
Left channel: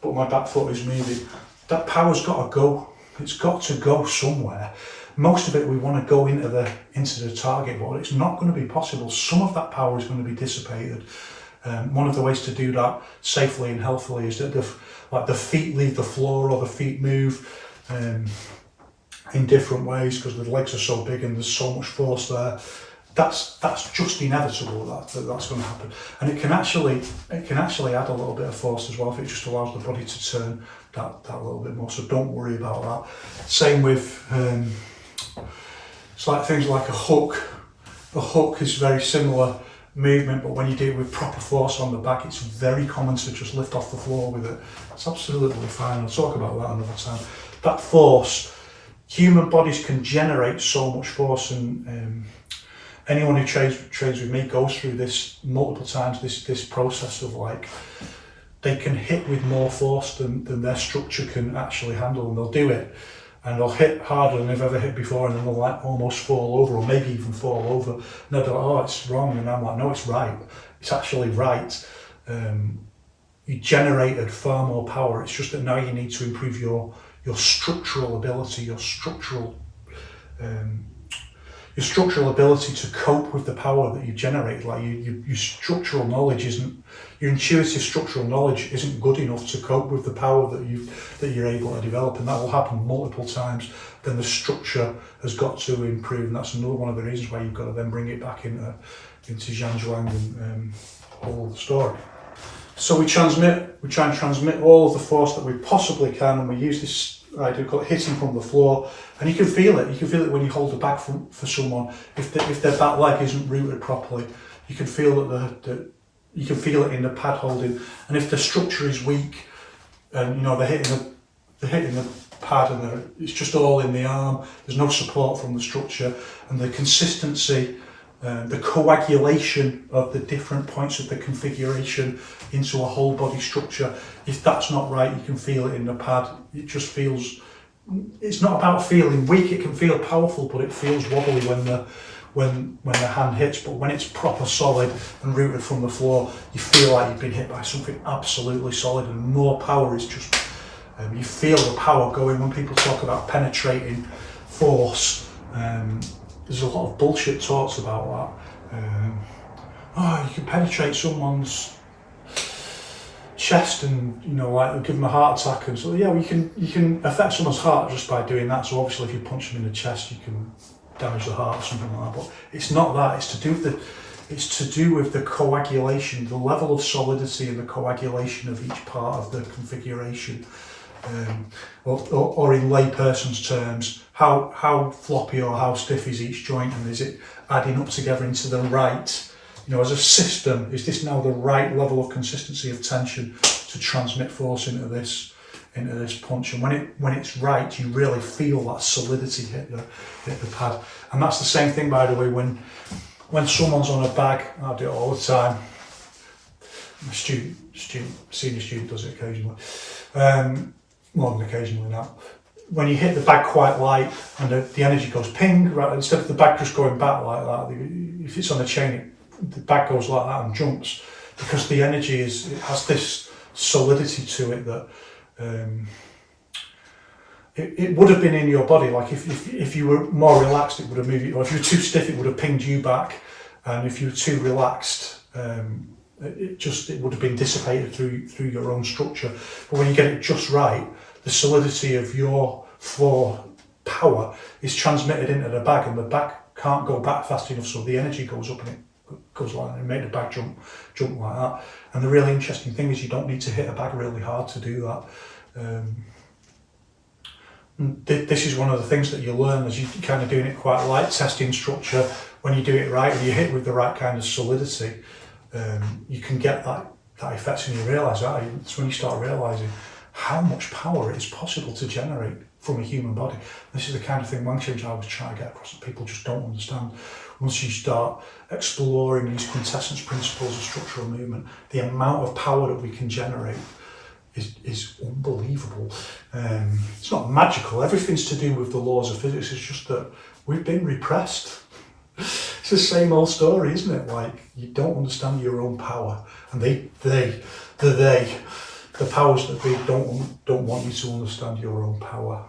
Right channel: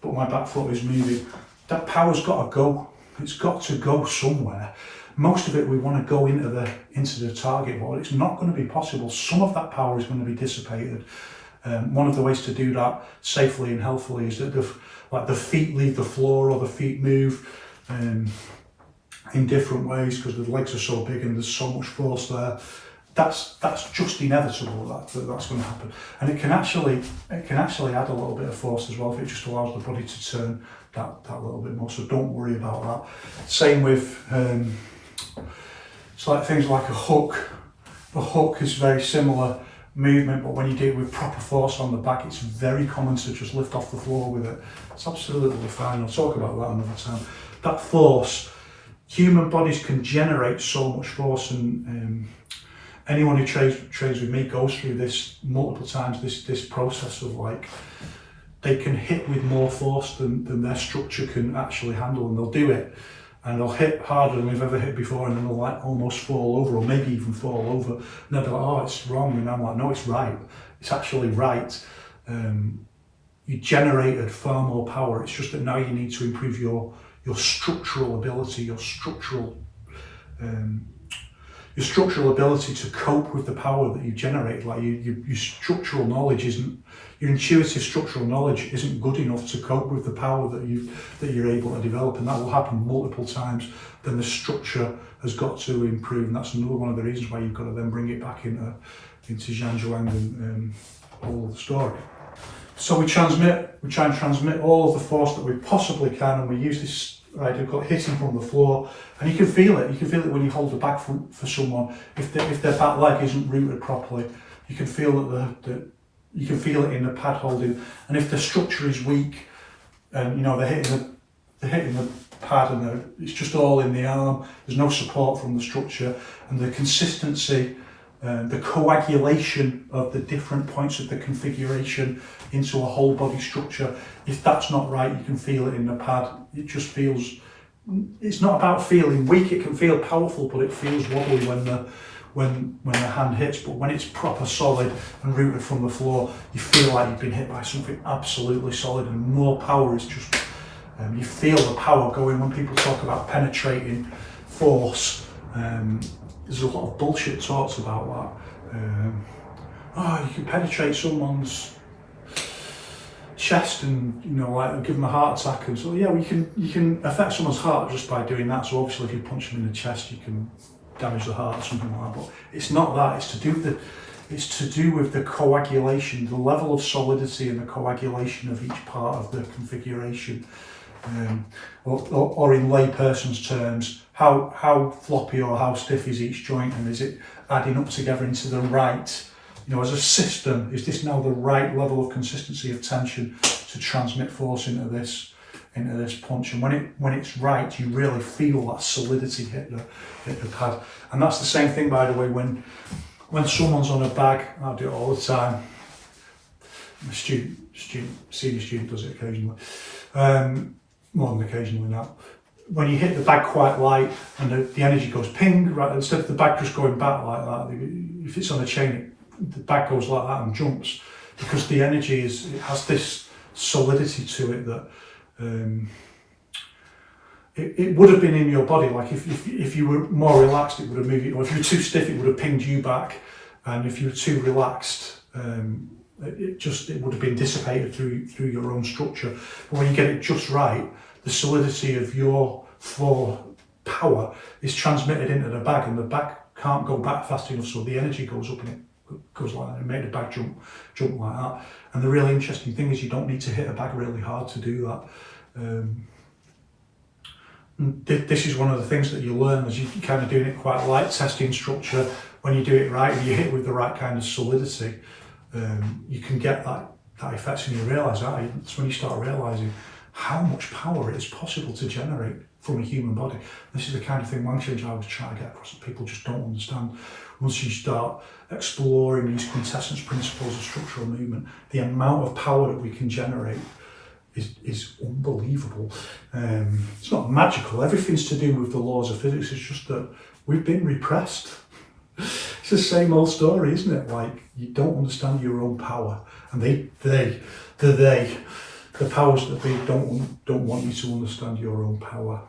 but my back foot is moving. That power's got to go. It's got to go somewhere. Most of it we want to go into the target, but it's not going to be possible. Some of that power is going to be dissipated. One of the ways to do that safely and healthily is that the feet leave the floor, or the feet move in different ways because the legs are so big and there's so much force there. That's just inevitable. That's going to happen, and it can actually add a little bit of force as well if it just allows the body to turn that little bit more. So don't worry about that. Same with it's like things like a hook. The hook is very similar movement, but when you do it with proper force on the back, it's very common to just lift off the floor with it. It's absolutely fine. I'll talk about that another time. That force, human bodies can generate so much force, and anyone who trains with me goes through this multiple times, this process of like, they can hit with more force than their structure can actually handle, and they'll do it. And they'll hit harder than they've ever hit before, and then they'll like almost fall over, or maybe even fall over. And they'll be like, oh, it's wrong. And I'm like, no, it's right. It's actually right. You generated far more power. It's just that now you need to improve your structural ability, your structural ability to cope with the power that you've generated. Like your structural knowledge your intuitive structural knowledge isn't good enough to cope with the power that you're able to develop, and that will happen multiple times. Then the structure has got to improve, and that's another one of the reasons why you've got to then bring it back into Zhanzhuang and all the story. So we try and transmit all of the force that we possibly can, and we use this idea called hitting from the floor, and you can feel it. You can feel it when you hold the back for someone. If their back leg isn't rooted properly, you can feel that you can feel it in the pad holding. And if the structure is weak, and you know they're hitting the pad, and it's just all in the arm, there's no support from the structure, and the consistency, the coagulation of the different points of the configuration into a whole body structure, if that's not right, you can feel it in the pad. It just feels, it's not about feeling weak, it can feel powerful, but it feels wobbly when the hand hits. But when it's proper solid and rooted from the floor, you feel like you've been hit by something absolutely solid, and more power is just, you feel the power going. When people talk about penetrating force, there's a lot of bullshit talks about that. You can penetrate someone's chest and, you know, like give them a heart attack, and so yeah, well, you can affect someone's heart just by doing that. So obviously if you punch them in the chest, you can damage the heart or something like that. But it's not that. It's to do with the coagulation, the level of solidity and the coagulation of each part of the configuration. Or in layperson's terms, how floppy or how stiff is each joint, and is it adding up together into the right, you know, as a system, is this now the right level of consistency of tension to transmit force into this punch? And when it's right, you really feel that solidity hit the pad. And that's the same thing, by the way, when someone's on a bag. I do it all the time. My senior student does it occasionally. More than occasionally now. When you hit the bag quite light and the energy goes ping, right, instead of the bag just going back like that, if it's on a chain, the bag goes like that and jumps, because the energy it has this solidity to it that it would have been in your body. Like if you were more relaxed, it would have moved you, or if you were too stiff, it would have pinged you back, and if you were too relaxed, it would have been dissipated through your own structure. But when you get it just right, the solidity of your floor power is transmitted into the bag, and the bag can't go back fast enough, so the energy goes up and it goes like that, and make the bag jump like that. And the really interesting thing is you don't need to hit a bag really hard to do that. This is one of the things that you learn as you're kind of doing it quite light, testing structure. When you do it right and you hit with the right kind of solidity, you can get that effect, and you realise that. It's when you start realising how much power it is possible to generate from a human body. This is the kind of thing Wang Change I was trying to get across that people just don't understand. Once you start exploring these quintessence principles of structural movement, the amount of power that we can generate is unbelievable. It's not magical, everything's to do with the laws of physics, it's just that we've been repressed. It's the same old story, isn't it? Like, you don't understand your own power, and the powers that be don't want you to understand your own power.